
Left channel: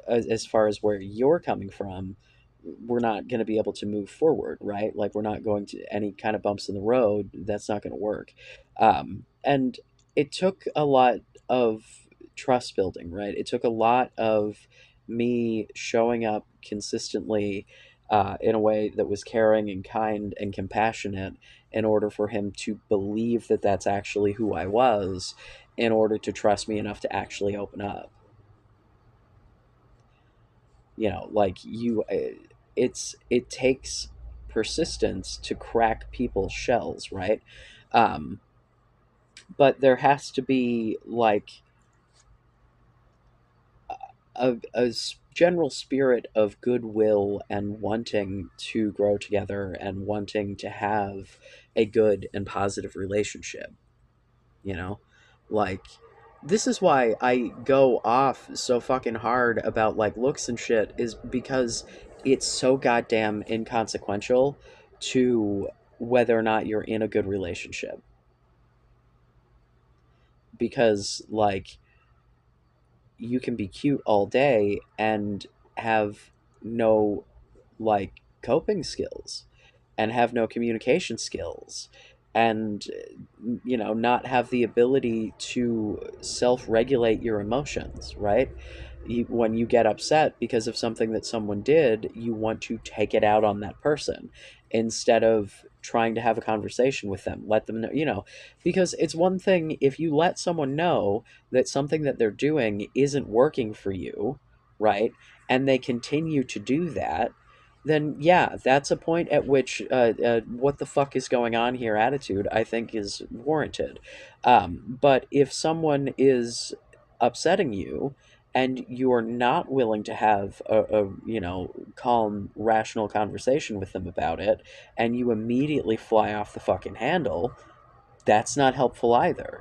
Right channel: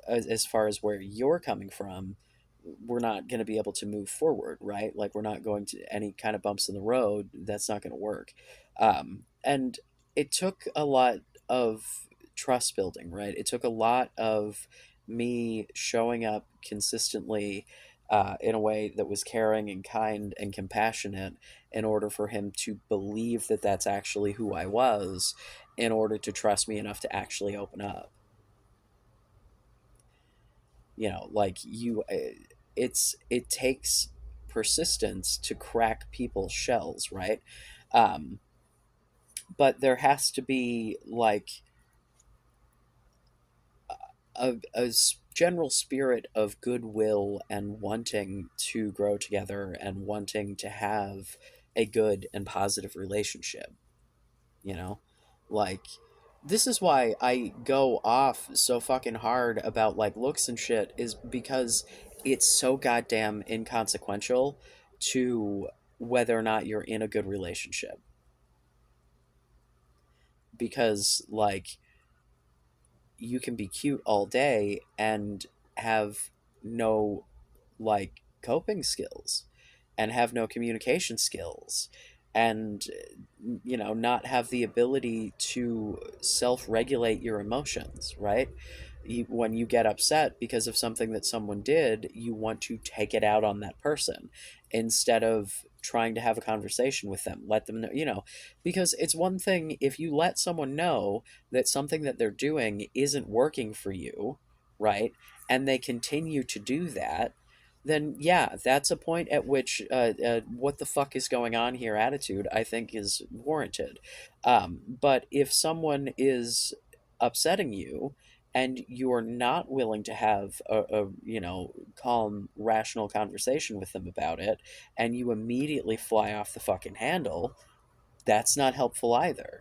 as far as where you're coming from, we're not going to be able to move forward, right? Like, we're not going to any kind of bumps in the road. That's not going to work. And it took a lot of trust building, right? It took a lot of me showing up consistently in a way that was caring and kind and compassionate in order for him to believe that that's actually who I was, in order to trust me enough to actually open up. Like, it takes persistence to crack people's shells, right? um but there has to be like a general spirit of goodwill and wanting to grow together and wanting to have a good and positive relationship, you know like, this is why I go off so fucking hard about like looks and shit, is because it's so goddamn inconsequential to whether or not you're in a good relationship. Because like, you can be cute all day and have no like coping skills, and have no communication skills, and not have the ability to self-regulate your emotions, right? When you get upset because of something that someone did, you want to take it out on that person instead of trying to have a conversation with them. Let them know, because it's one thing if you let someone know that something that they're doing isn't working for you, right? And they continue to do that, then yeah, that's a point at which what the fuck is going on here attitude, I think, is warranted. But if someone is upsetting you and you are not willing to have a calm, rational conversation with them about it, and you immediately fly off the fucking handle, that's not helpful either.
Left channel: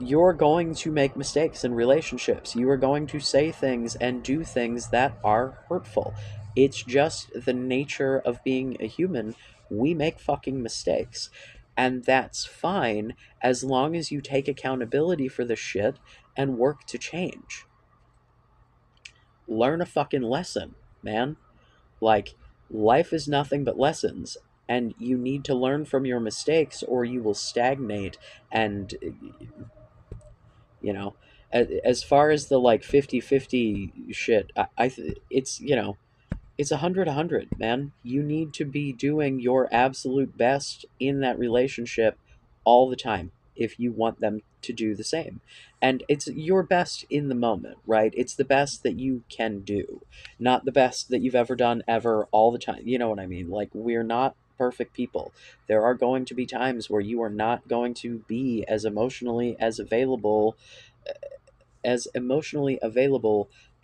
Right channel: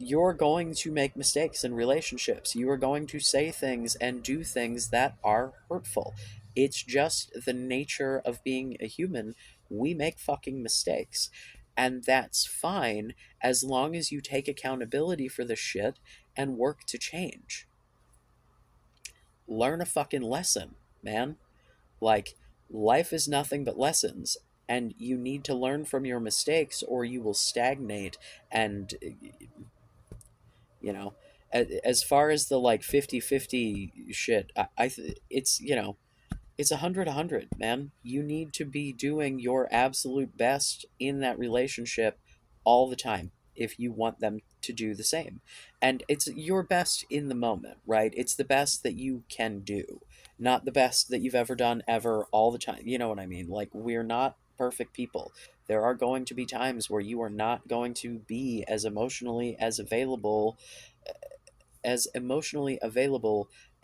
You're going to make mistakes in relationships. You are going to say things and do things that are hurtful. It's just the nature of being a human. We make fucking mistakes. And that's fine as long as you take accountability for the shit and work to change. learn a fucking lesson, man. Like, life is nothing but lessons, and you need to learn from your mistakes or you will stagnate. And, you know, as far as the like 50-50 shit, it's, it's 100-100, man. You need to be doing your absolute best in that relationship all the time if you want them to do the same. And it's your best in the moment, right? It's the best that you can do, not the best that you've ever done ever all the time. You know what I mean? Like, we're not perfect people. There are going to be times where you are not going to be as emotionally available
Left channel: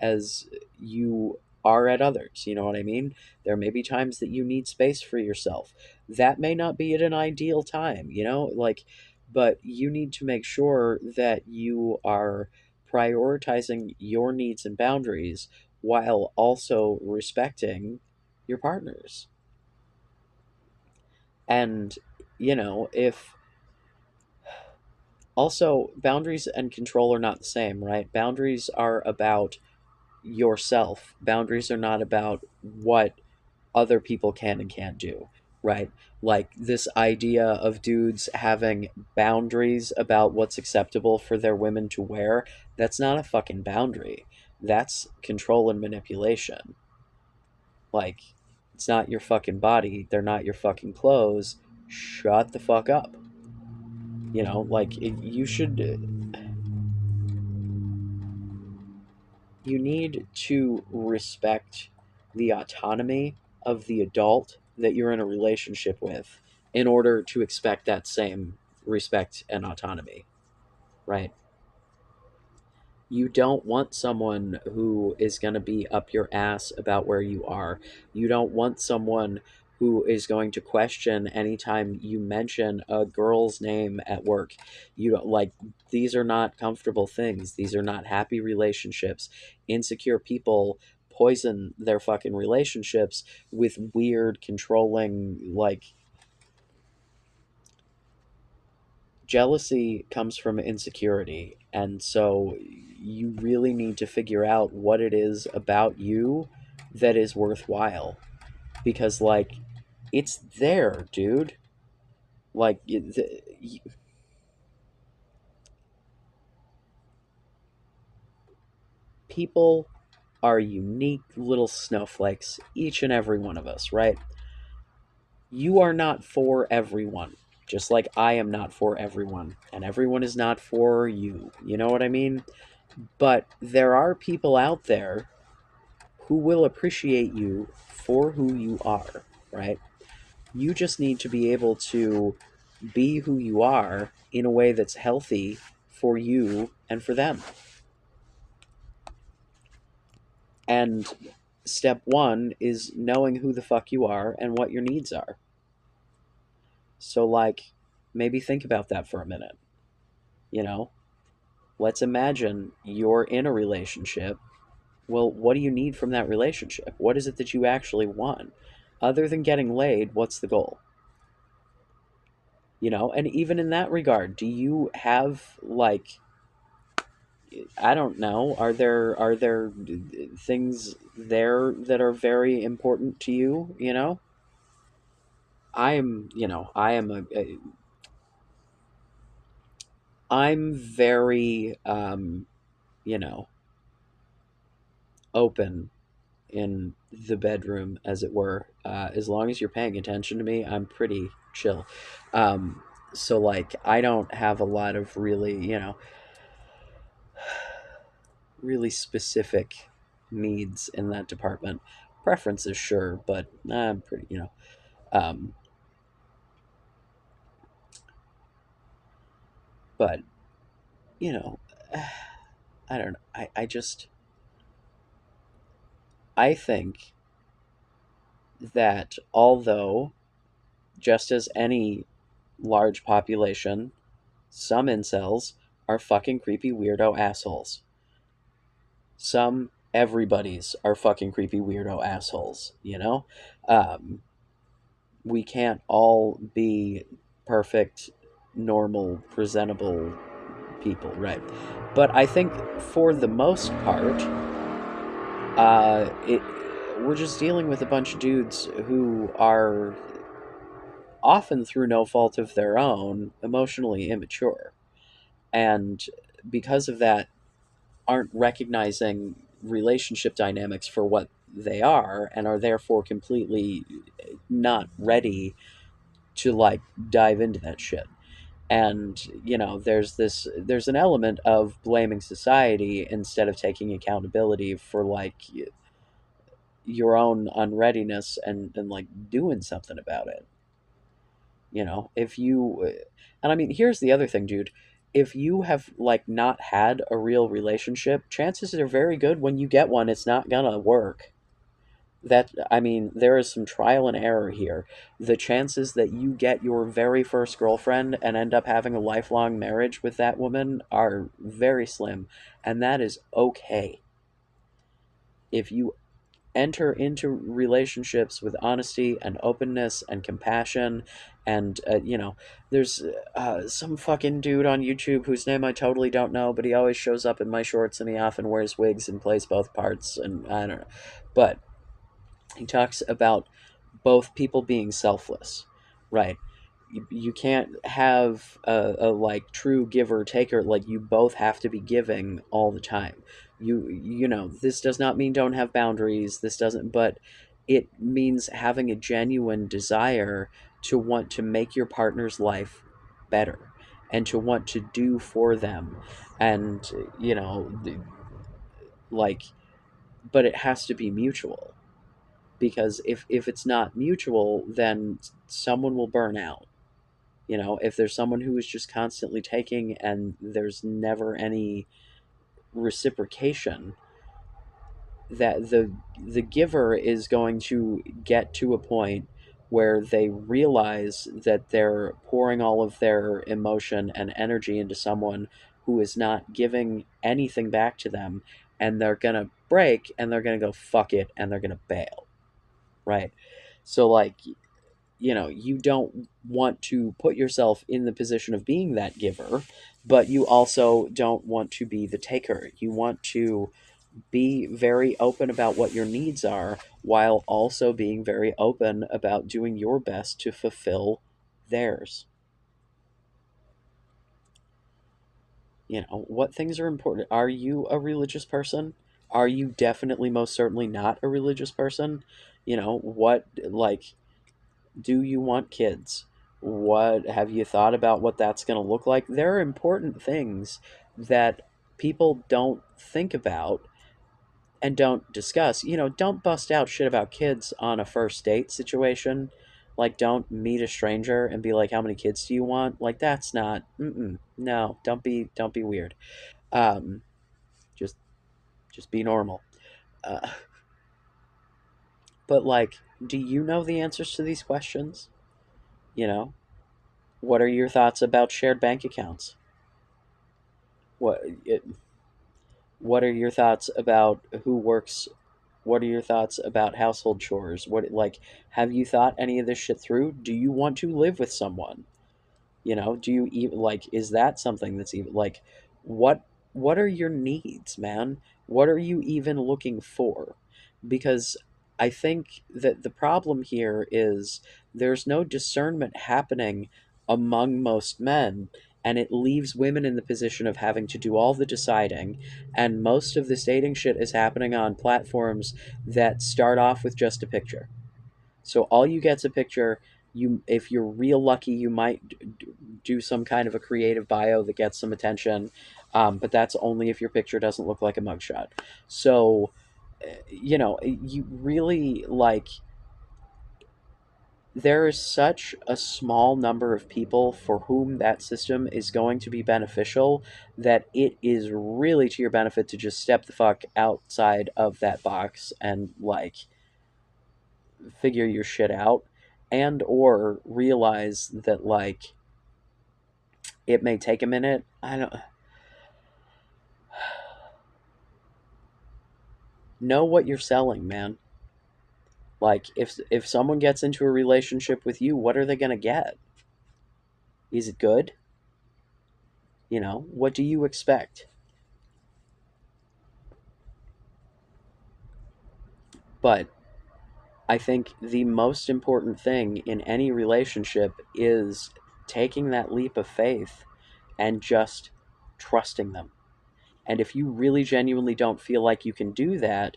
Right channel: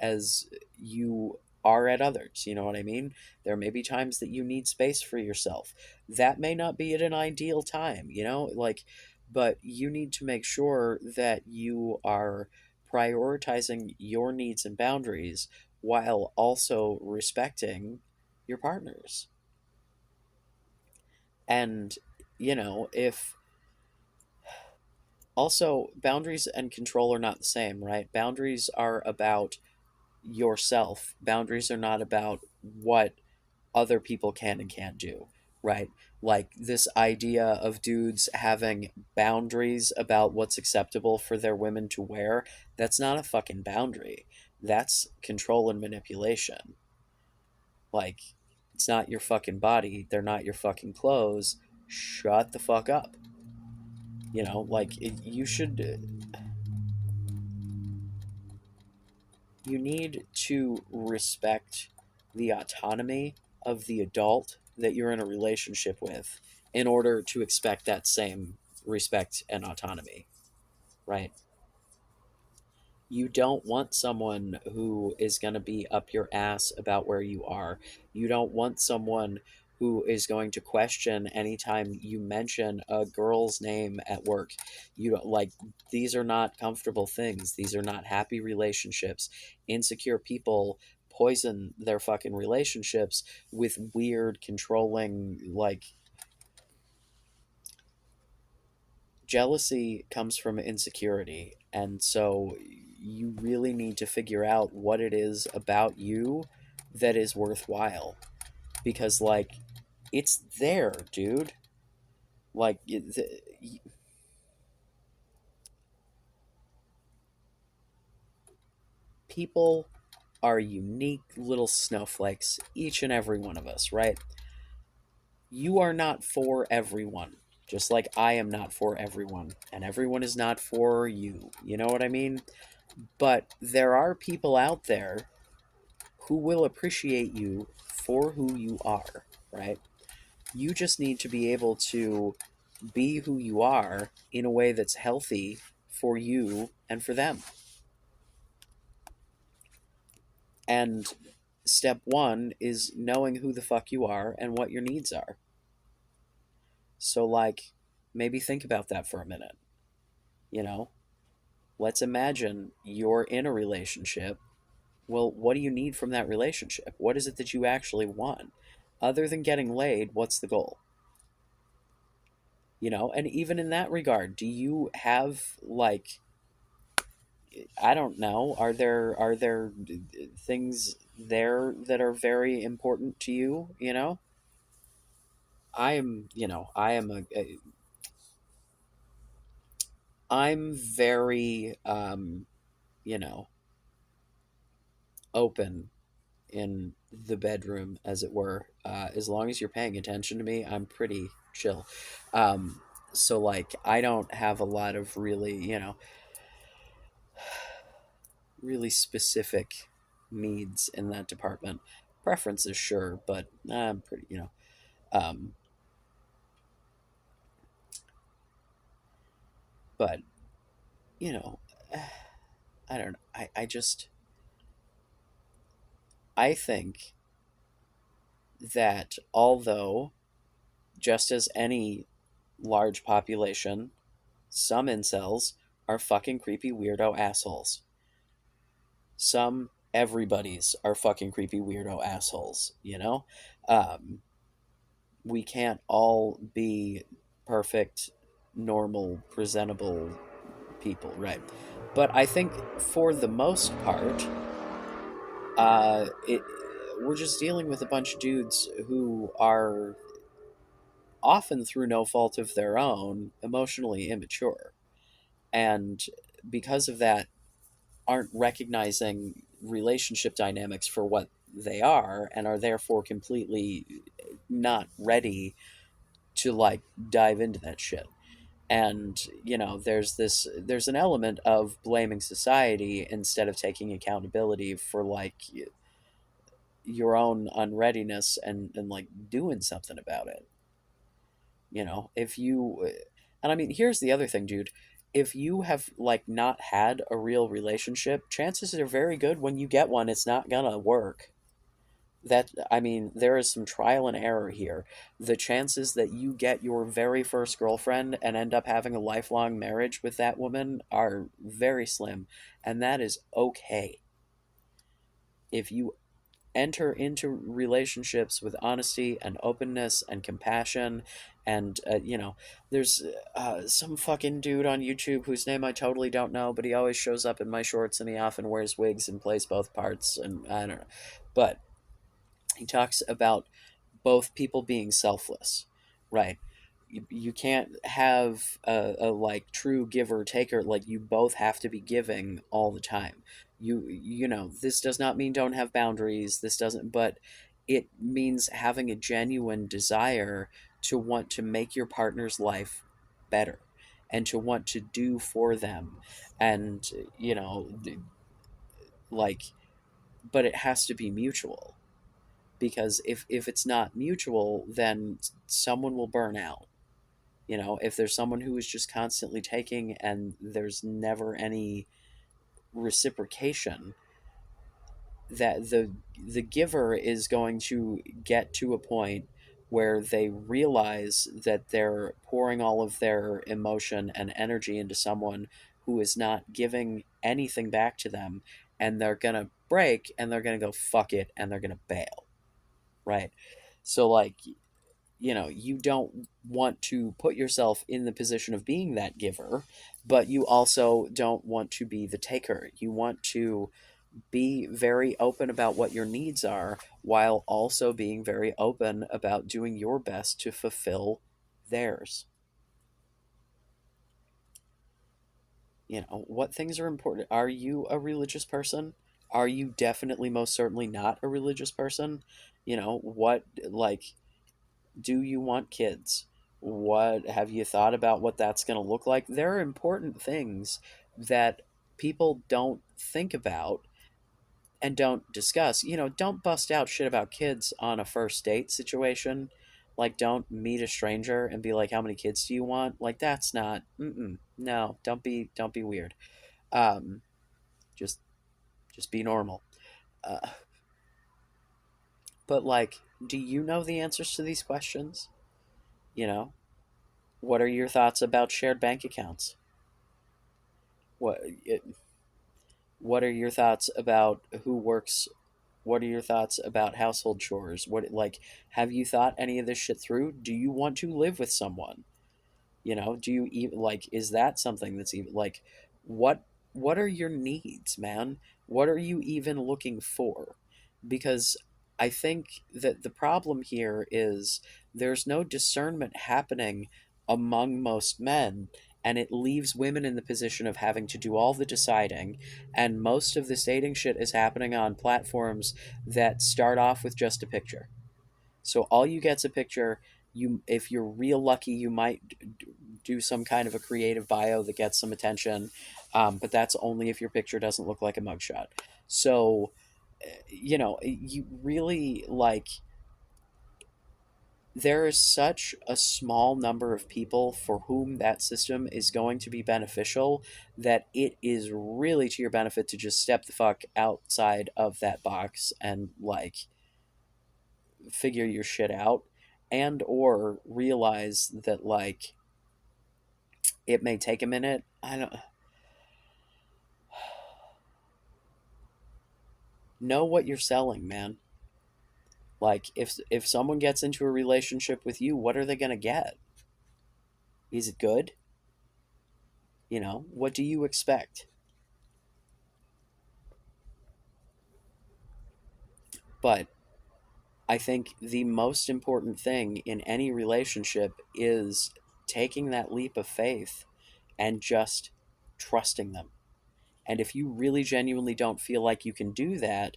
as you are at others. You know what I mean? There may be times that you need space for yourself. That may not be at an ideal time, like, but you need to make sure that you are prioritizing your needs and boundaries while also respecting your partners. And, if also boundaries and control are not the same, right? Boundaries are about yourself. Boundaries are not about what other people can and can't do, right? Like, this idea of dudes having boundaries about what's acceptable for their women to wear, that's not a fucking boundary. That's control and manipulation. Like, it's not your fucking body, they're not your fucking clothes. Shut the fuck up. Like, you need to respect the autonomy of the adult that you're in a relationship with in order to expect that same respect and autonomy, right? You don't want someone who is going to be up your ass about where you are. You don't want someone who is going to question anytime you mention a girl's name at work. You don't like, these are not comfortable things. These are not happy relationships. Insecure people poison their fucking relationships with weird, controlling, like, jealousy comes from insecurity. And so you really need to figure out what it is about you that is worthwhile, because, like, it's there, dude. Like, people are unique little snowflakes, each and every one of us, right? You are not for everyone, just like I am not for everyone, and everyone is not for you. You know what I mean? But there are people out there who will appreciate you for who you are, right? You just need to be able to be who you are in a way that's healthy for you and for them. And step one is knowing who the fuck you are and what your needs are. So, like, maybe think about that for a minute. You know, let's imagine you're in a relationship. Well, what do you need from that relationship? What is it that you actually want? Other than getting laid, what's the goal? And even in that regard, do you have, like, I don't know, are there things there that are very important to you? I'm very you know open in the bedroom, as it were. As long as you're paying attention to me, I'm pretty chill. um so, like, I don't have a lot of really specific needs in that department. Preferences, sure, but I'm pretty, um, but you know, I don't know. I think that although, just as any large population, some incels are fucking creepy weirdo assholes. Some everybody's are fucking creepy weirdo assholes. Um, we can't all be perfect, normal, presentable people, right? But I think for the most part, it we're just dealing with a bunch of dudes who are often through no fault of their own emotionally immature, and because of that aren't recognizing relationship dynamics for what they are, and are therefore completely not ready to like dive into that shit. And there's an element of blaming society instead of taking accountability for like your own unreadiness, and like doing something about it. If you and I mean, here's the other thing, dude. If you have like not had a real relationship, chances are very good when you get one it's not gonna work. That I mean, there is some trial and error here. The chances that you get your very first girlfriend and end up having a lifelong marriage with that woman are very slim, and that is okay. If you enter into relationships with honesty and openness and compassion, and there's some fucking dude on YouTube whose name I totally don't know, but he always shows up in my shorts and he often wears wigs and plays both parts, and I don't know, but he talks about both people being selfless, right? You can't have a like true giver taker. Like, you both have to be giving all the time. This does not mean don't have boundaries. This doesn't, but it means having a genuine desire to want to make your partner's life better and to want to do for them. And like, but it has to be mutual, because if it's not mutual, then someone will burn out. If there's someone who is just constantly taking and there's never any reciprocation, that the giver is going to get to a point where they realize that they're pouring all of their emotion and energy into someone who is not giving anything back to them, and they're gonna break and they're gonna go fuck it and they're gonna bail, right? So like, you don't want to put yourself in the position of being that giver, but you also don't want to be the taker. You want to be very open about what your needs are, while also being very open about doing your best to fulfill theirs. What things are important? Are you a religious person? Are you definitely most certainly not a religious person? What, like, do you want kids? What have you thought about what that's going to look like? There are important things that people don't think about and don't discuss. Don't bust out shit about kids on a first date situation. Like, don't meet a stranger and be like, "How many kids do you want?" Like, that's not. No, don't be weird. Um, just just be normal. Uh, but like, do you know the answers to these questions? You know, what are your thoughts about shared bank accounts? What it, what are your thoughts about who works? What are your thoughts about household chores? What, like, have you thought any of this shit through? Do you want to live with someone? Do you even like, is that something that's even like, what what are your needs, man? What are you even looking for? Because I think that the problem here is there's no discernment happening among most men, and it leaves women in the position of having to do all the deciding, and most of this dating shit is happening on platforms that start off with just a picture. So all you get's a picture. If you're real lucky, you might do some kind of a creative bio that gets some attention, but that's only if your picture doesn't look like a mugshot. So, you really like. There is such a small number of people for whom that system is going to be beneficial, that it is really to your benefit to just step the fuck outside of that box and like figure your shit out, and or realize that like it may take a minute. I don't know what you're selling, man. Like, if someone gets into a relationship with you, what are they going to get? Is it good? What do you expect? But I think the most important thing in any relationship is taking that leap of faith and just trusting them. And if you really genuinely don't feel like you can do that,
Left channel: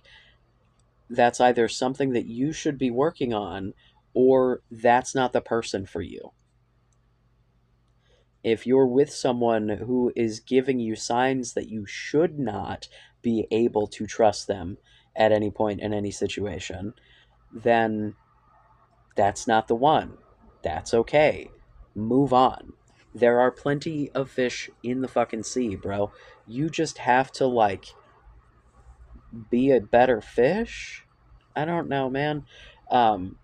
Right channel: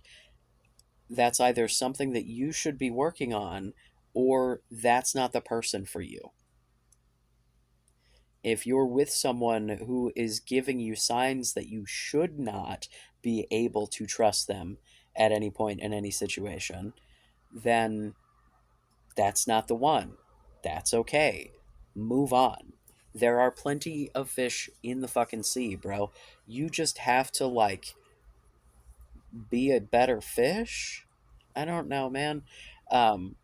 that's either something that you should be working on or that's not the person for you. If you're with someone who is giving you signs that you should not be able to trust them at any point in any situation, then that's not the one. That's okay. Move on. There are plenty of fish in the fucking sea, bro. You just have to, like, be a better fish? I don't know, man. Um,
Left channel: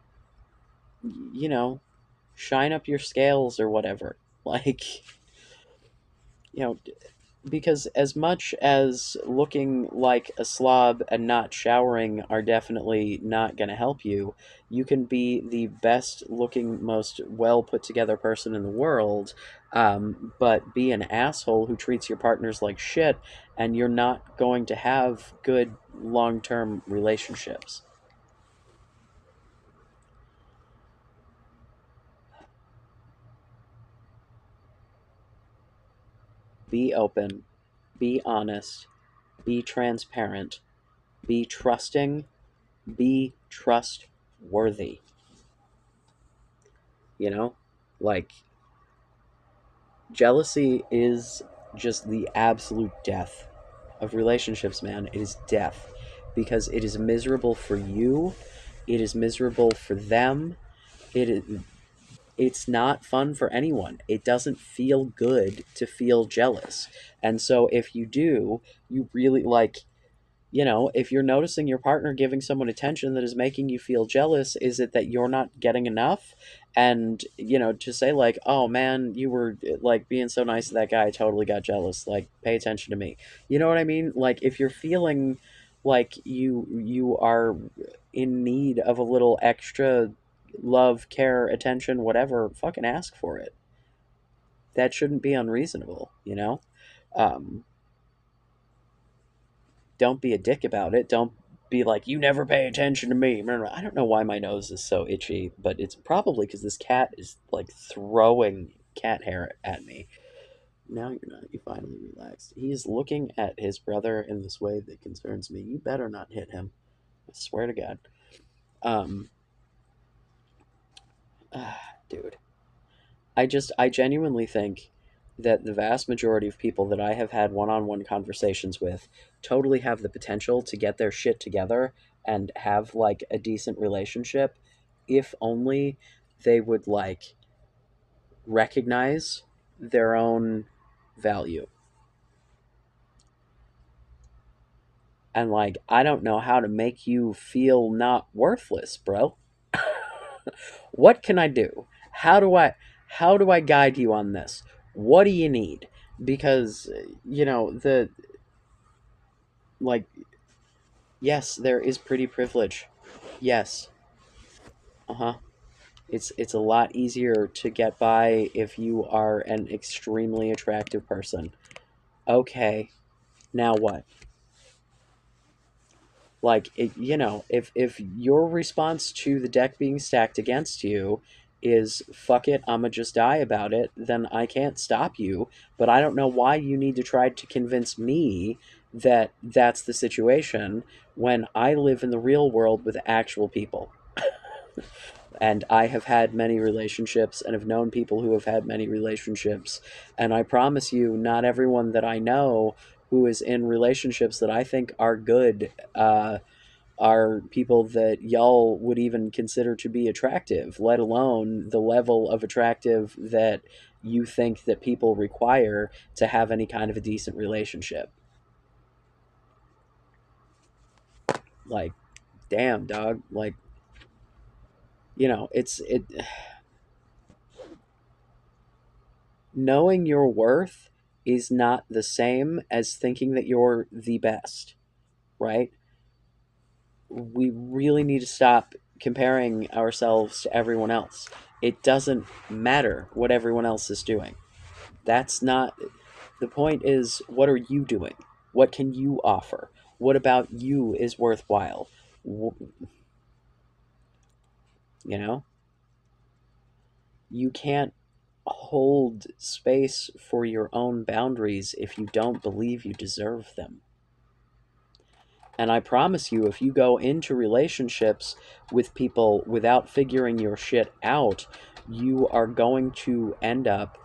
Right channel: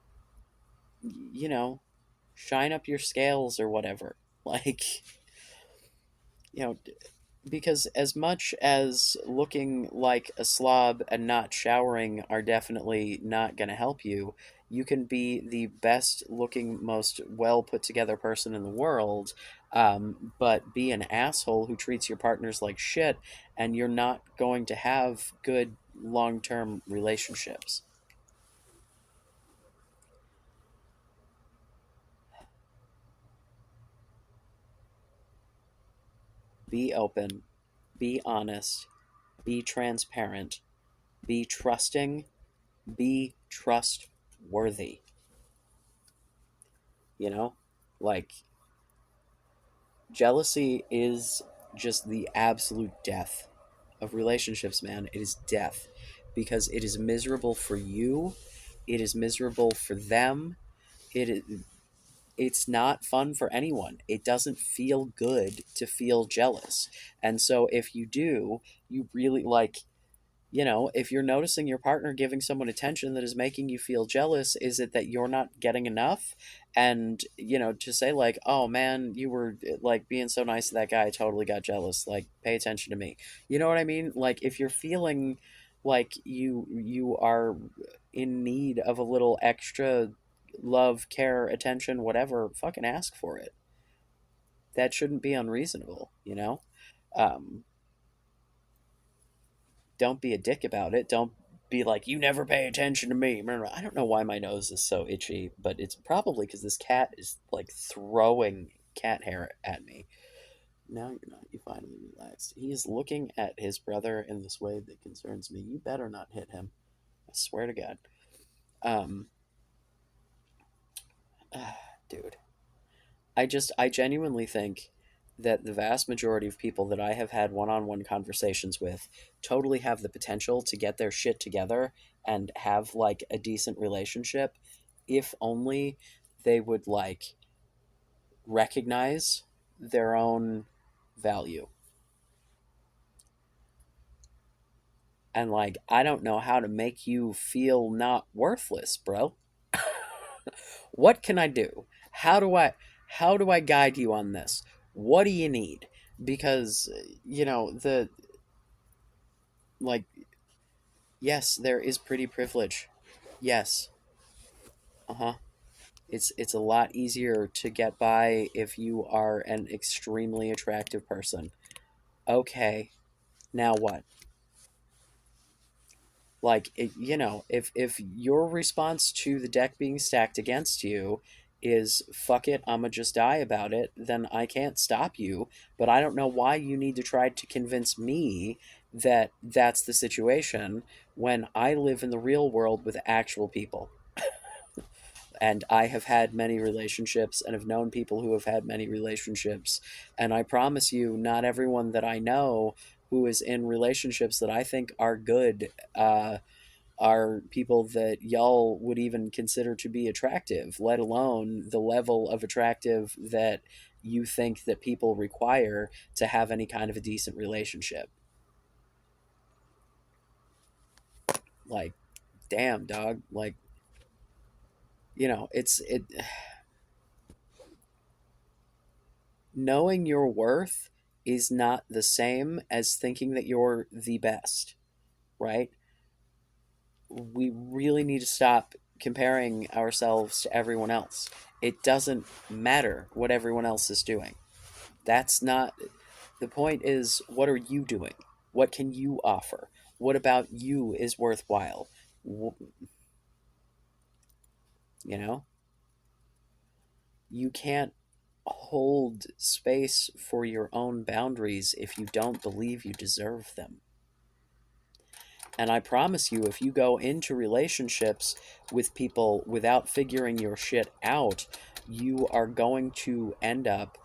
you know, shine up your scales or whatever. Like, you know, because as much as looking like a slob and not showering are definitely not going to help you, you can be the best looking, most well put together person in the world, but be an asshole who treats your partners like shit, and you're not going to have good long term relationships. Be open, be honest, be transparent, be trusting, be trustworthy. You know, like, jealousy is just the absolute death of relationships, man. It is death because it is miserable for you, it is miserable for them. It is, it's not fun for anyone. It doesn't feel good to feel jealous. And so if you do, you really, like, if you're noticing your partner giving someone attention that is making you feel jealous, is it that you're not getting enough? And, to say, like, oh man, you were, like, being so nice to that guy, I totally got jealous. Like, pay attention to me. You know what I mean? Like, if you're feeling like you are in need of a little extra love, care, attention, whatever, fucking ask for it. That shouldn't be unreasonable. Um, don't be a dick about it. Don't be like, you never pay attention to me. I don't know why my nose is so itchy, but it's probably because this cat is, like, throwing cat hair at me. Now you're not. You finally relaxed. He's looking at his brother in this way that concerns me. You better not hit him. I swear to God. Um, Dude. I genuinely think that the vast majority of people that I have had one on one conversations with totally have the potential to get their shit together and have, like, a decent relationship if only they would, like, recognize their own value. And, like, I don't know how to make you feel not worthless, bro. What can I do? How do I guide you on this? What do you need? Because, the, like, yes, there is pretty privilege. Yes. Uh-huh. It's a lot easier to get by if you are an extremely attractive person. Okay. Now what? Like, if your response to the deck being stacked against you is fuck it, I'ma just die about it, then I can't stop you. But I don't know why you need to try to convince me that that's the situation when I live in the real world with actual people. And I have had many relationships and have known people who have had many relationships. And I promise you, not everyone that I know who is in relationships that I think are good are people that y'all would even consider to be attractive, let alone the level of attractive that you think that people require to have any kind of a decent relationship. Like, damn, dog. Like, it's knowing your worth is not the same as thinking that you're the best, right? We really need to stop comparing ourselves to everyone else. It doesn't matter what everyone else is doing. That's not the point. Is what are you doing? What can you offer? What about you is worthwhile? You know, you can't hold space for your own boundaries if you don't believe you deserve them. And I promise you, if you go into relationships with people without figuring your shit out, you are going to end up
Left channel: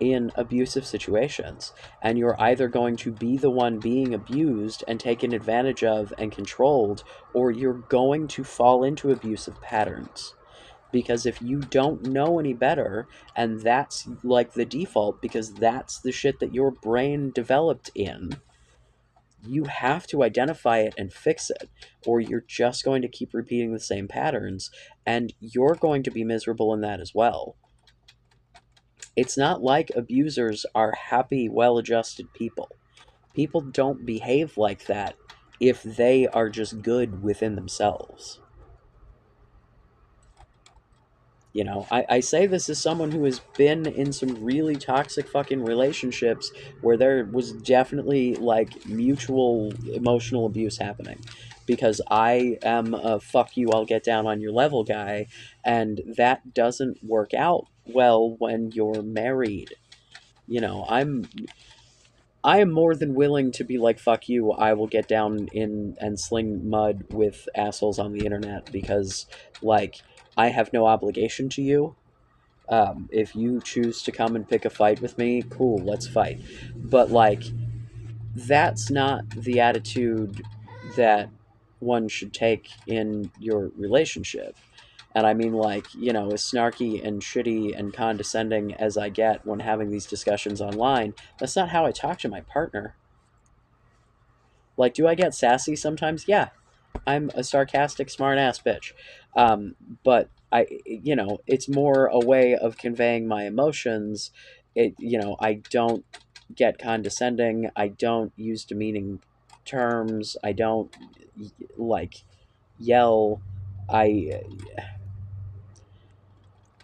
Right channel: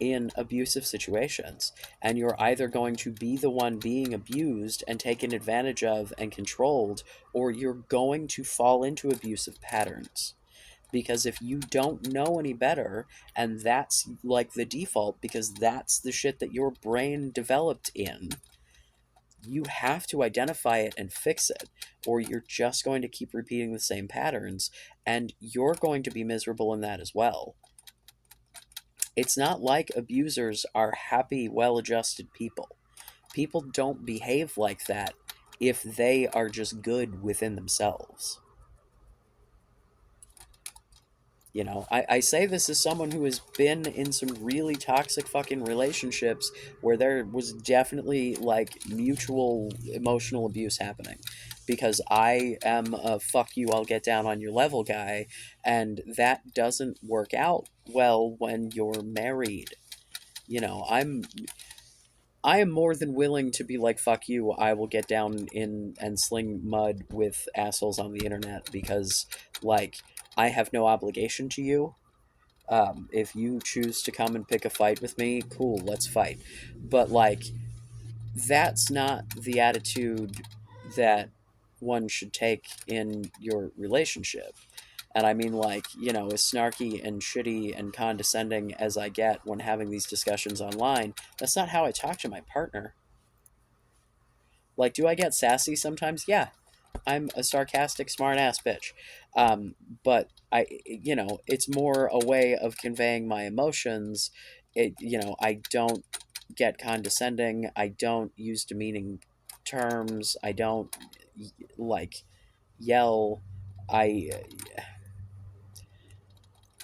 in abusive situations. And you're either going to be the one being abused and taken advantage of and controlled, or you're going to fall into abusive patterns. Because if you don't know any better, and that's like the default, because that's the shit that your brain developed in, you have to identify it and fix it, or you're just going to keep repeating the same patterns, and you're going to be miserable in that as well. It's not like abusers are happy, well adjusted people. People don't behave like that if they are just good within themselves. You know, I say this as someone who has been in some really toxic fucking relationships where there was definitely like mutual emotional abuse happening. Because I am a fuck you, I'll get down on your level guy, and that doesn't work out well when you're married. You know, I am more than willing to be like, fuck you, I will get down in and sling mud with assholes on the internet because, like, I have no obligation to you. If you choose to come and pick a fight with me, cool, let's fight. But, like, that's not the attitude that one should take in your relationship. And I mean, like, you know, as snarky and shitty and condescending as I get when having these discussions online, that's not how I talk to my partner. Like, do I get sassy sometimes? Yeah, I'm a sarcastic, smart ass bitch. Um, but you know, it's more a way of conveying my emotions. You know, I don't get condescending. I don't use demeaning terms. I don't like yell. I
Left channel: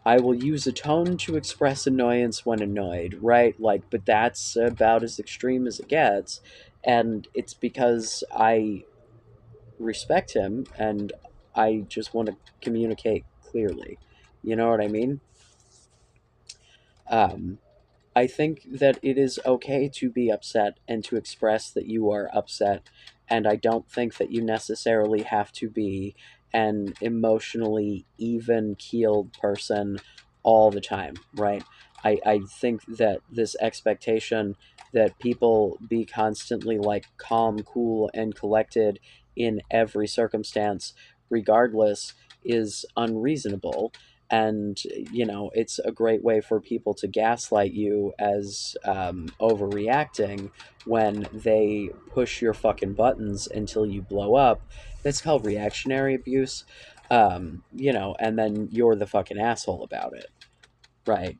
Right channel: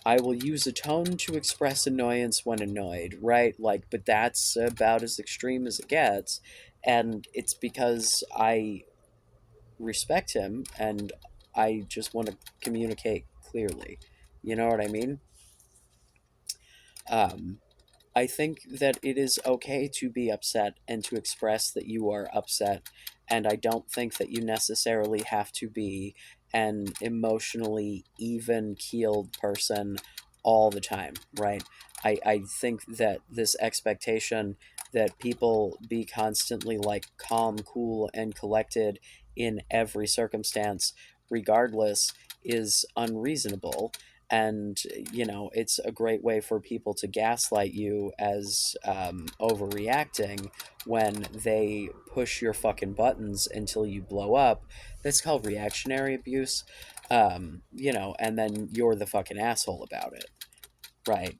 I will use a tone to express annoyance when annoyed, right? Like, but that's about as extreme as it gets, and it's because I respect him and I just want to communicate clearly. You know what I mean? Um, I think that it is okay to be upset and to express that you are upset. And I don't think that you necessarily have to be an emotionally even keeled person all the time, right? I think that this expectation that people be constantly like calm, cool, and collected in every circumstance, regardless, is unreasonable. And you know, it's a great way for people to gaslight you as overreacting when they push your fucking buttons until you blow up. That's called reactionary abuse. You know, and then you're the fucking asshole about it, right?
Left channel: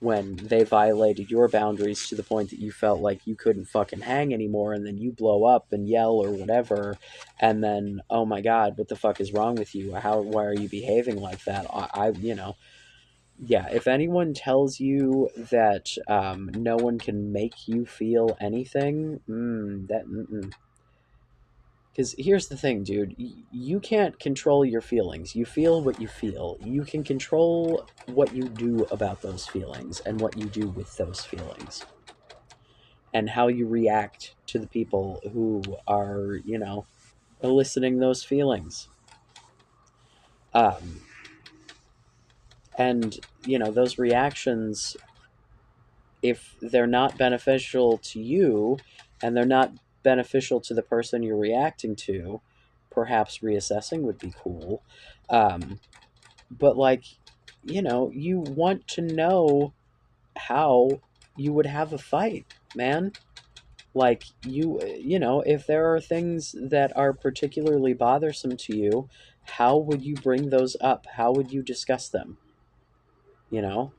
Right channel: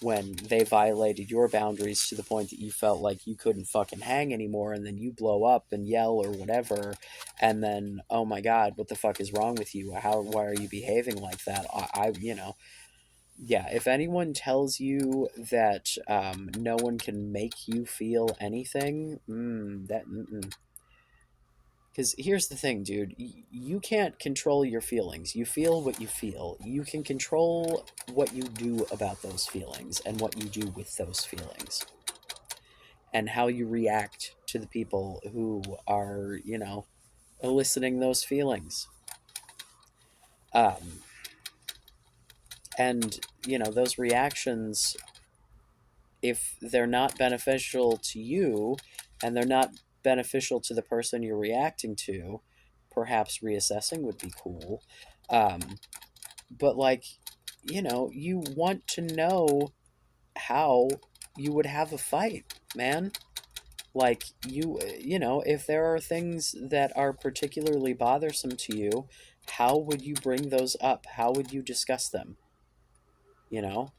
When they violated your boundaries to the point that you felt like you couldn't fucking hang anymore, and then you blow up and yell or whatever, and then, oh my god, what the fuck is wrong with you? Why are you behaving like that? You know, yeah, if anyone tells you that no one can make you feel anything, because here's the thing, dude. You can't control your feelings. You feel what you feel. You can control what you do about those feelings and what you do with those feelings and how you react to the people who are, you know, eliciting those feelings. Um, and, you know, those reactions, if they're not beneficial to you and they're not beneficial to the person you're reacting to, perhaps reassessing would be cool. Um, but, like, you know, you want to know how you would have a fight, man. Like, you know, if there are things that are particularly bothersome to you, how would you bring those up? How would you discuss them? You know?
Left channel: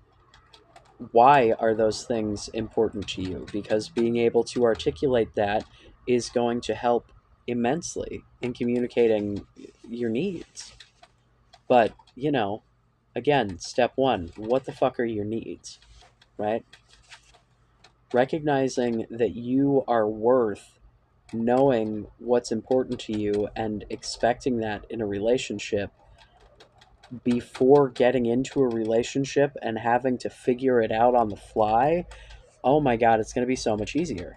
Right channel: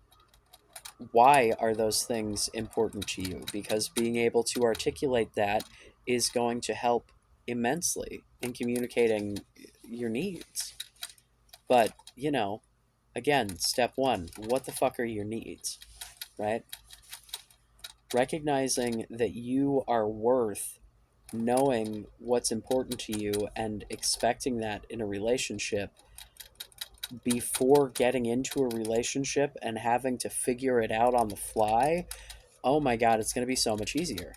Why are those things important to you? Because being able to articulate that is going to help immensely in communicating your needs. But, you know, again, step one, what the fuck are your needs, right? Recognizing that you are worth knowing what's important to you and expecting that in a relationship before getting into a relationship and having to figure it out on the fly, oh my god, it's going to be so much easier.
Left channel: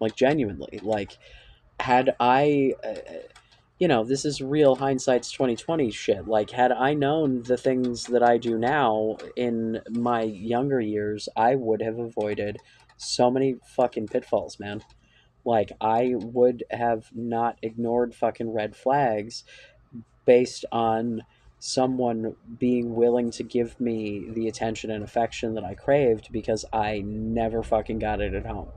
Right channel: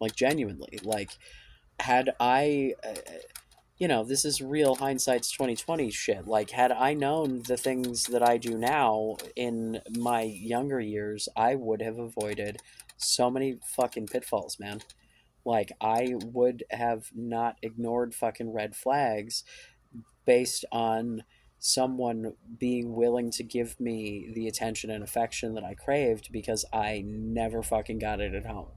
Like, genuinely. Like, had I this is real hindsight's 2020 shit. Like, had I known the things that I do now in my younger years, I would have avoided so many fucking pitfalls, man. Like, I would have not ignored fucking red flags based on someone being willing to give me the attention and affection that I craved because I never fucking got it at home.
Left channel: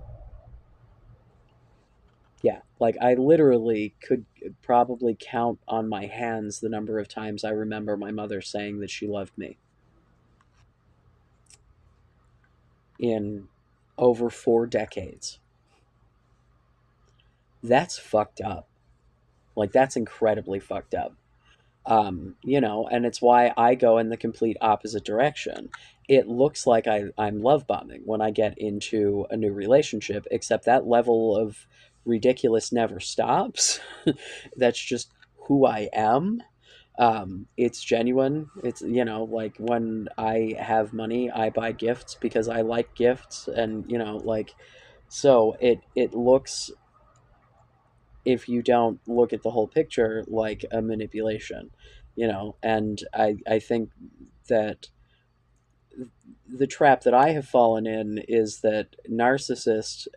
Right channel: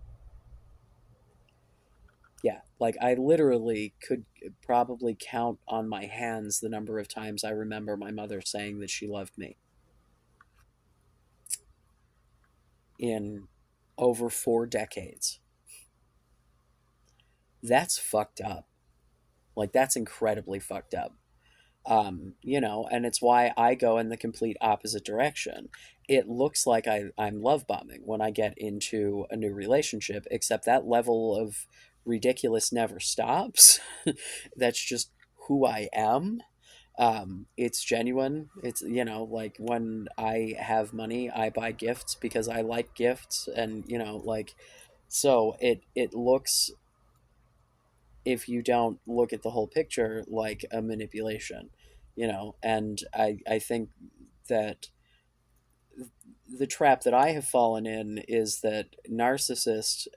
Yeah, like I literally could probably count on my hands the number of times I remember my mother saying that she loved me in over 4 decades. That's fucked up. Like, that's incredibly fucked up. And it's why I go in the complete opposite direction. It looks like I'm love bombing when I get into a new relationship, except that level of ridiculous never stops. That's just who I am. It's genuine. It's, like, when I have money, I buy gifts because I like gifts, and like, so it looks, if you don't look at the whole picture, like a manipulation, and I think that the trap that I have fallen in is that narcissists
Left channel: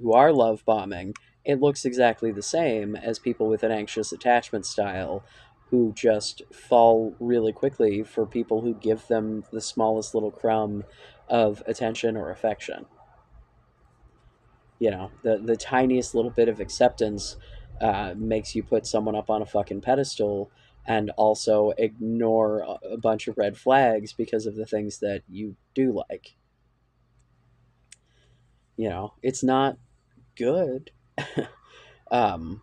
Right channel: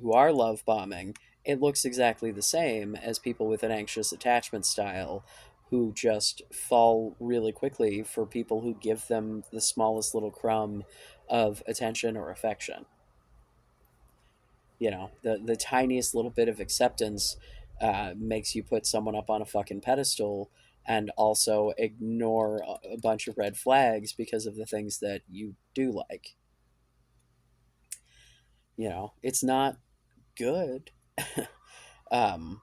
who are love bombing, it looks exactly the same as people with an anxious attachment style who just fall really quickly for people who give them the smallest little crumb of attention or affection. The tiniest little bit of acceptance makes you put someone up on a fucking pedestal and also ignore a bunch of red flags because of the things that you do like. It's not good. um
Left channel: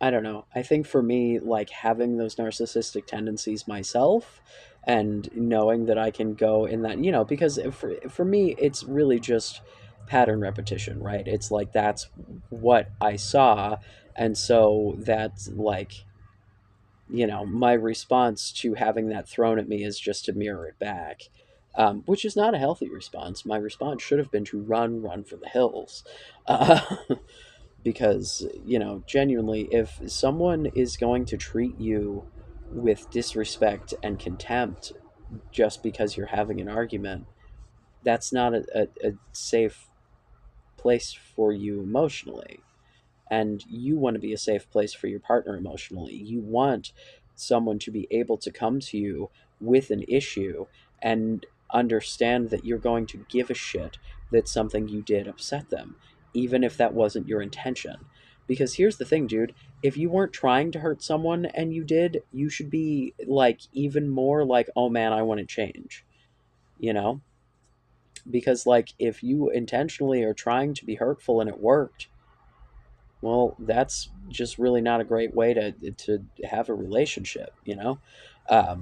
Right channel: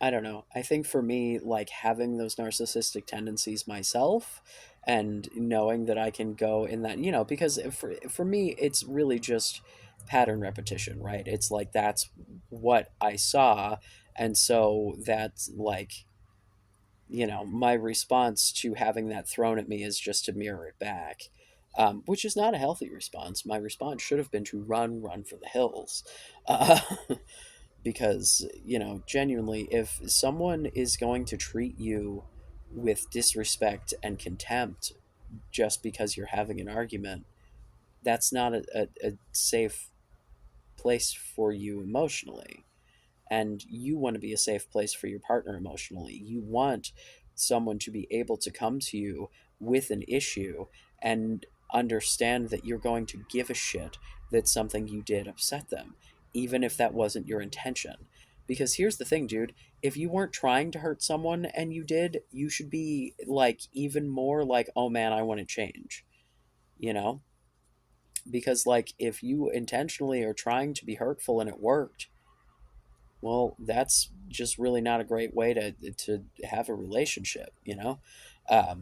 I don't know. I think for me, like, having those narcissistic tendencies myself and knowing that I can go in that, because for me, it's really just pattern repetition, right? It's like that's what I saw. And so that's like, my response to having that thrown at me is just to mirror it back, which is not a healthy response. My response should have been to run for the hills. Uh, because genuinely, if someone is going to treat you with disrespect and contempt just because you're having an argument, that's not a safe place for you emotionally. And you want to be a safe place for your partner emotionally. You want someone to be able to come to you with an issue and understand that you're going to give a shit that something you did upset them, even if that wasn't your intention. Because here's the thing, dude, if you weren't trying to hurt someone and you did, you should be like even more like, oh man, I want to change, you know? Because, like, if you intentionally are trying to be hurtful and it worked, well, that's just really not a great way to have a relationship,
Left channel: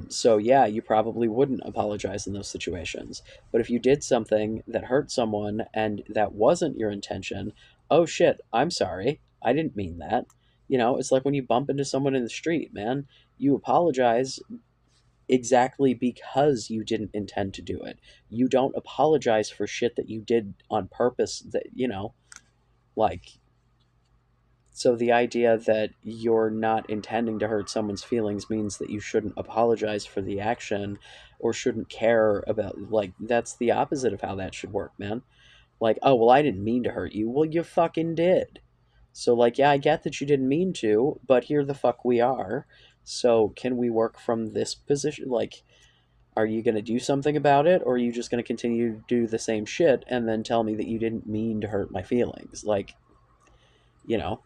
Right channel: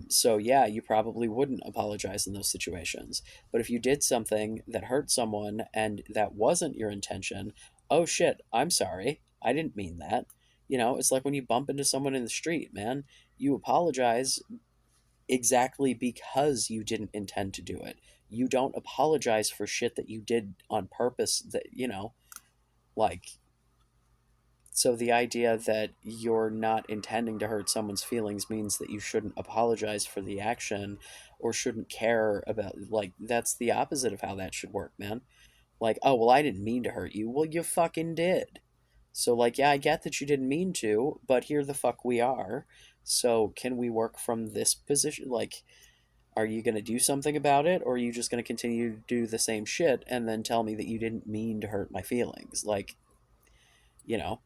so yeah, you probably wouldn't apologize in those situations. But if you did something that hurt someone and that wasn't your intention, oh shit, I'm sorry, I didn't mean that. It's like when you bump into someone in the street, man. You apologize exactly because you didn't intend to do it. You don't apologize for shit that you did on purpose, that like, so the idea that you're not intending to hurt someone's feelings means that you shouldn't apologize for the action or shouldn't care about, like, that's the opposite of how that should work, man. Like, oh, well, I didn't mean to hurt you. Well, you fucking did. So, like, yeah, I get that you didn't mean to, but here the fuck we are. So can we work from this position? Like, are you going to do something about it, or are you just going to continue to do the same shit and then tell me that you didn't mean to hurt my feelings? Like, you know,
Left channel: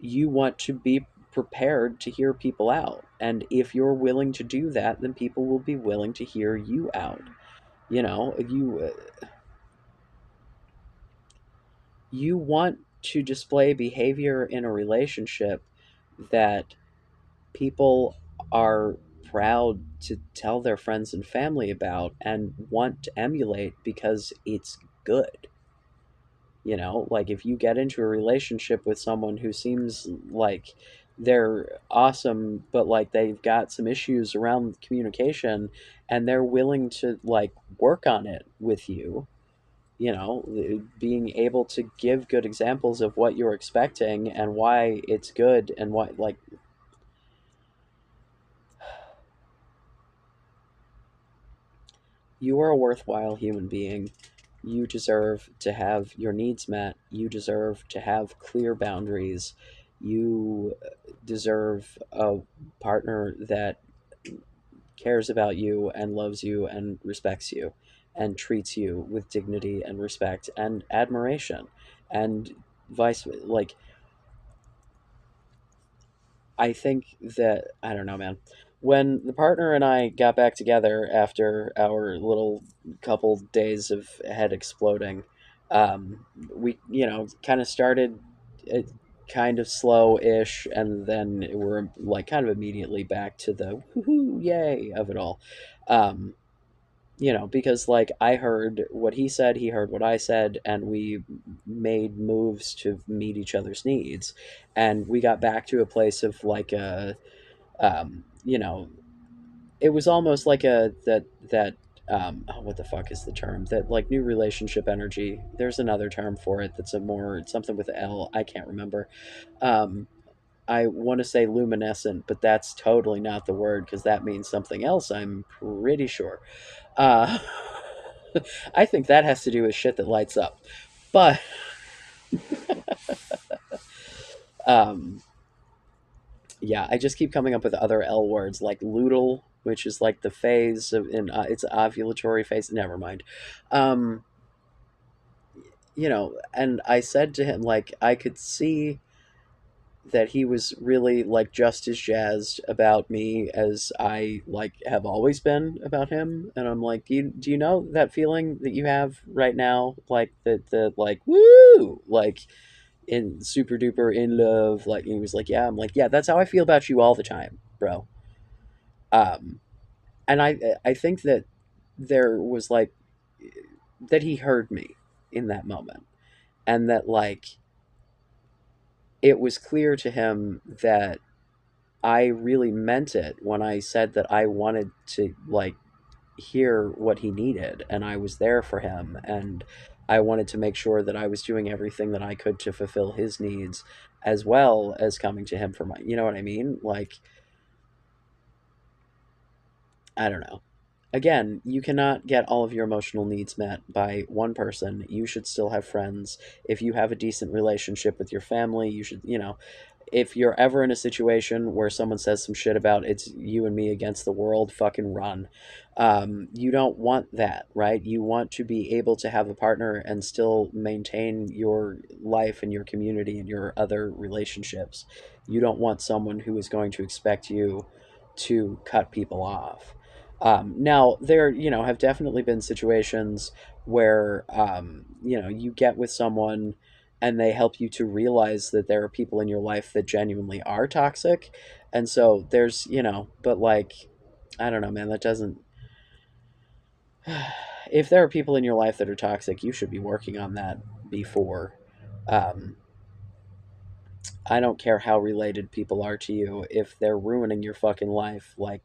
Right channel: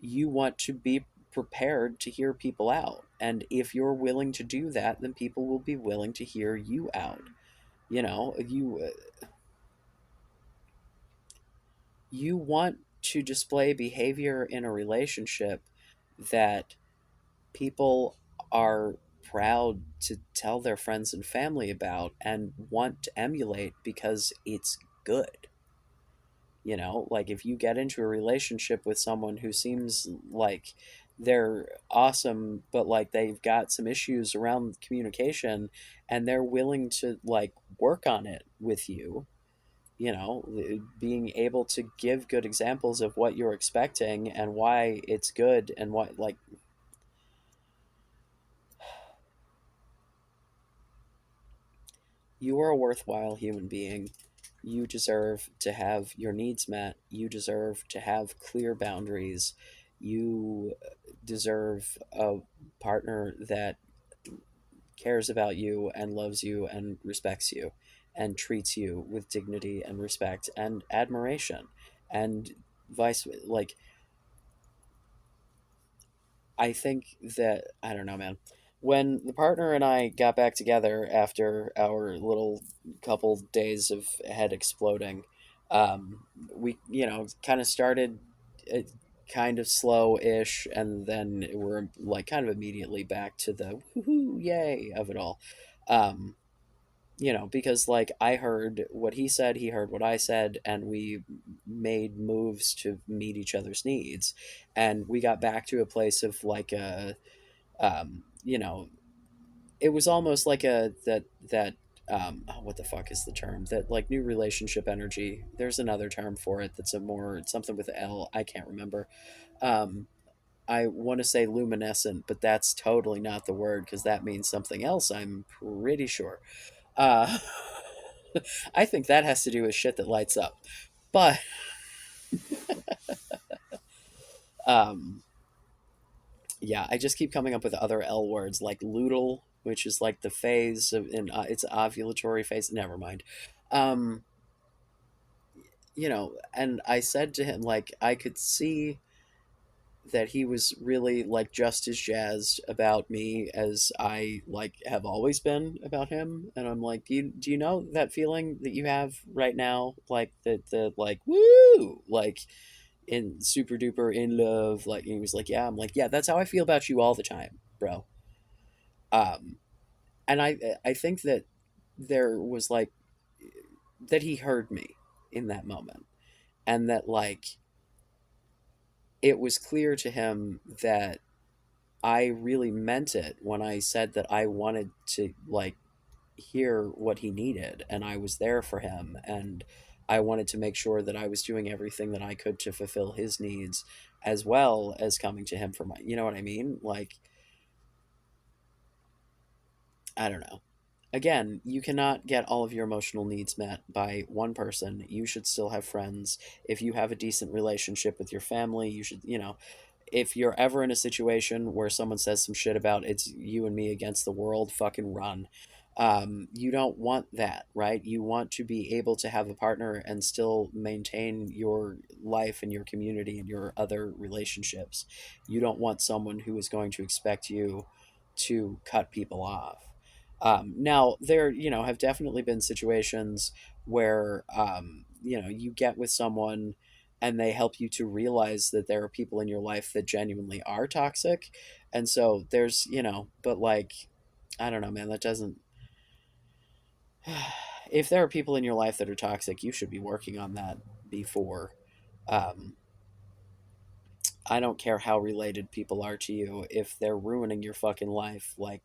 you want to be prepared to hear people out. And if you're willing to do that, then people will be willing to hear you out. You want to display behavior in a relationship that people are proud to tell their friends and family about and want to emulate because it's good. Like if you get into a relationship with someone who seems like they're awesome, but like they've got some issues around communication and they're willing to like work on it with you, being able to give good examples of what you're expecting and why it's good and what, like, you are a worthwhile human being. You deserve to have your needs met. You deserve to have clear boundaries. You deserve a partner that cares about you and loves you and respects you and treats you with dignity and respect and admiration and vice, like, I think that, I don't know, man. When the partner and I got back together after our little couple days of head exploding, we, kind of started it kind of slow-ish, and then we're like kind of immediately back to the woohoo yay of it all. Um, because like I heard what he said, he heard what I said, and we made moves to meet each other's needs, and we got back to a place of like a, um, you know, it was almost like a that oh, what the fuck is the term, that like new relationship energy. There's another term for it that's a more something with L. I can't remember. Um, I want to say luminescent, but that's totally not the word because that means something else. I'm pretty sure. Uh, I think that has to do with shit that lights up. But um, yeah, I just keep coming up with other L words like luteal, which is like the phase of in it's ovulatory phase. Never mind. Um, and I said to him like I could see that he was really like just as jazzed about me as I like have always been about him, and I'm like, do you know that feeling that you have right now, like the like woo, like in super duper in love, like, he was like, yeah. I'm like, yeah, that's how I feel about you all the time, bro. um and I think that there was like that he heard me in that moment, and that like it was clear to him that I really meant it when I said that I wanted to like hear what he needed and I was there for him, and I wanted to make sure that I was doing everything that I could to fulfill his needs as well as coming to him for my, you know what I mean? Like, I don't know. Again, you cannot get all of your emotional needs met by one person. You should still have friends. If you have a decent relationship with your family, you should, if you're ever in a situation where someone says some shit about it's you and me against the world, fucking run. You don't want that, right? You want to be able to have a partner and still maintain your life and your community and your other relationships. You don't want someone who is going to expect you to cut people off. Now, there, have definitely been situations where, you get with someone and they help you to realize that there are people in your life that genuinely are toxic. And so there's, but like, I don't know, man, that doesn't, if there are people in your life that are toxic, you should be working on that before. Um, I don't care how related people are to you. If they're ruining your fucking life, like,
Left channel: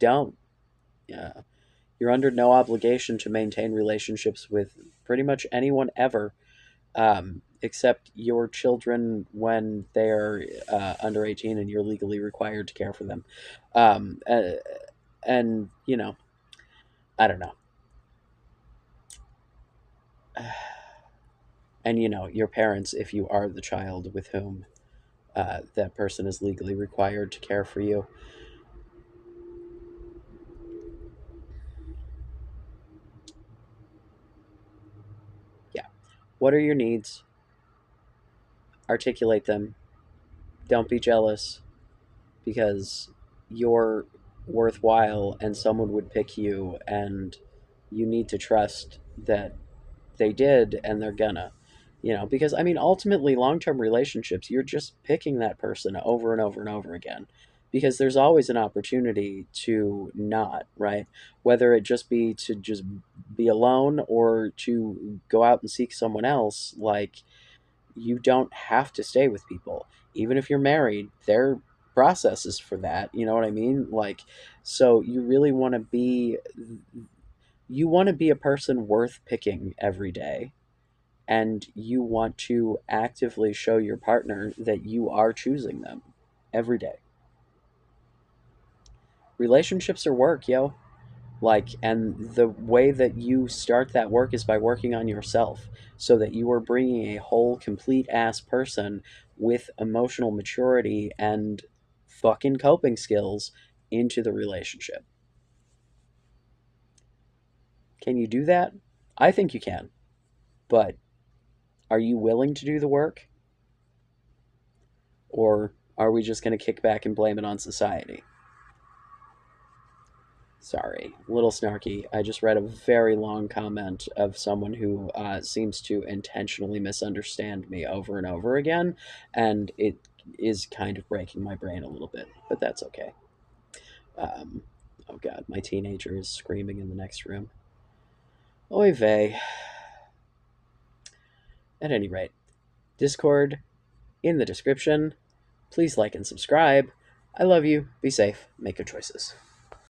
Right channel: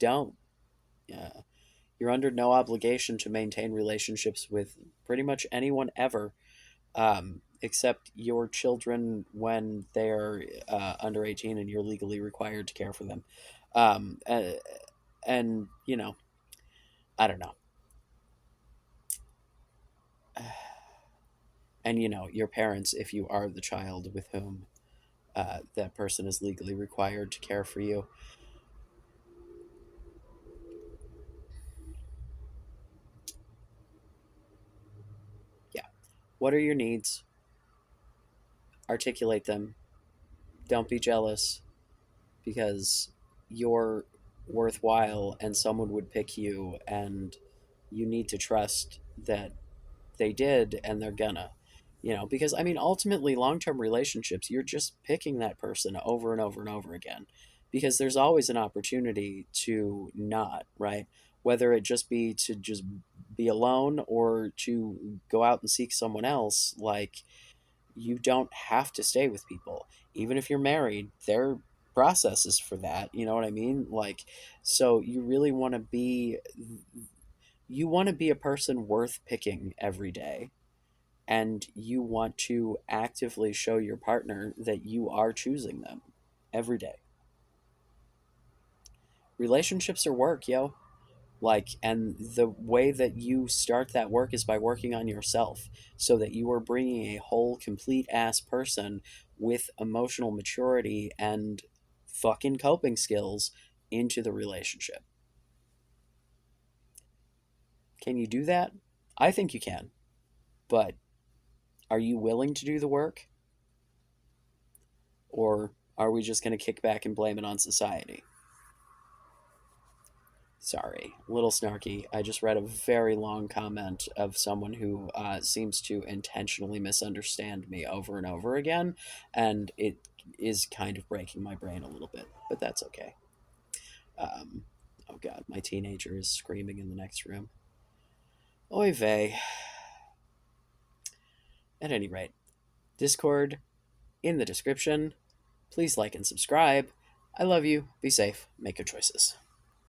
don't. Yeah. You're under no obligation to maintain relationships with pretty much anyone ever, except your children when they're under 18 and you're legally required to care for them. Um, uh, and, I don't know. And, your parents, if you are the child with whom that person is legally required to care for you. Yeah. What are your needs? Articulate them. Don't be jealous because you're worthwhile and someone would pick you, and you need to trust that they did and they're gonna, because I mean ultimately long-term relationships, you're just picking that person over and over and over again. because there's always an opportunity to not, right? Whether it just be to just be alone or to go out and seek someone else. Like, you don't have to stay with people. Even if you're married, there are processes for that. You know what I mean? Like, so you want to be a person worth picking every day, and you want to actively show your partner that you are choosing them every day. Relationships are work, yo. Like, and the way that you start that work is by working on yourself, so that you are bringing a whole complete ass person with emotional maturity and fucking coping skills into the relationship. Can you do that? I think you can, but are you willing to do the work, or are we just going to kick back and blame it on society? Sorry, a little snarky. I just read a very long comment of someone who seems to intentionally misunderstand me over and over again, and it is kind of breaking my brain a little bit, but that's okay. Um, oh god, my teenager is screaming in the next room. Oy vey. At any rate, Discord in the description. Please like and subscribe. I love you. Be safe. Make good choices.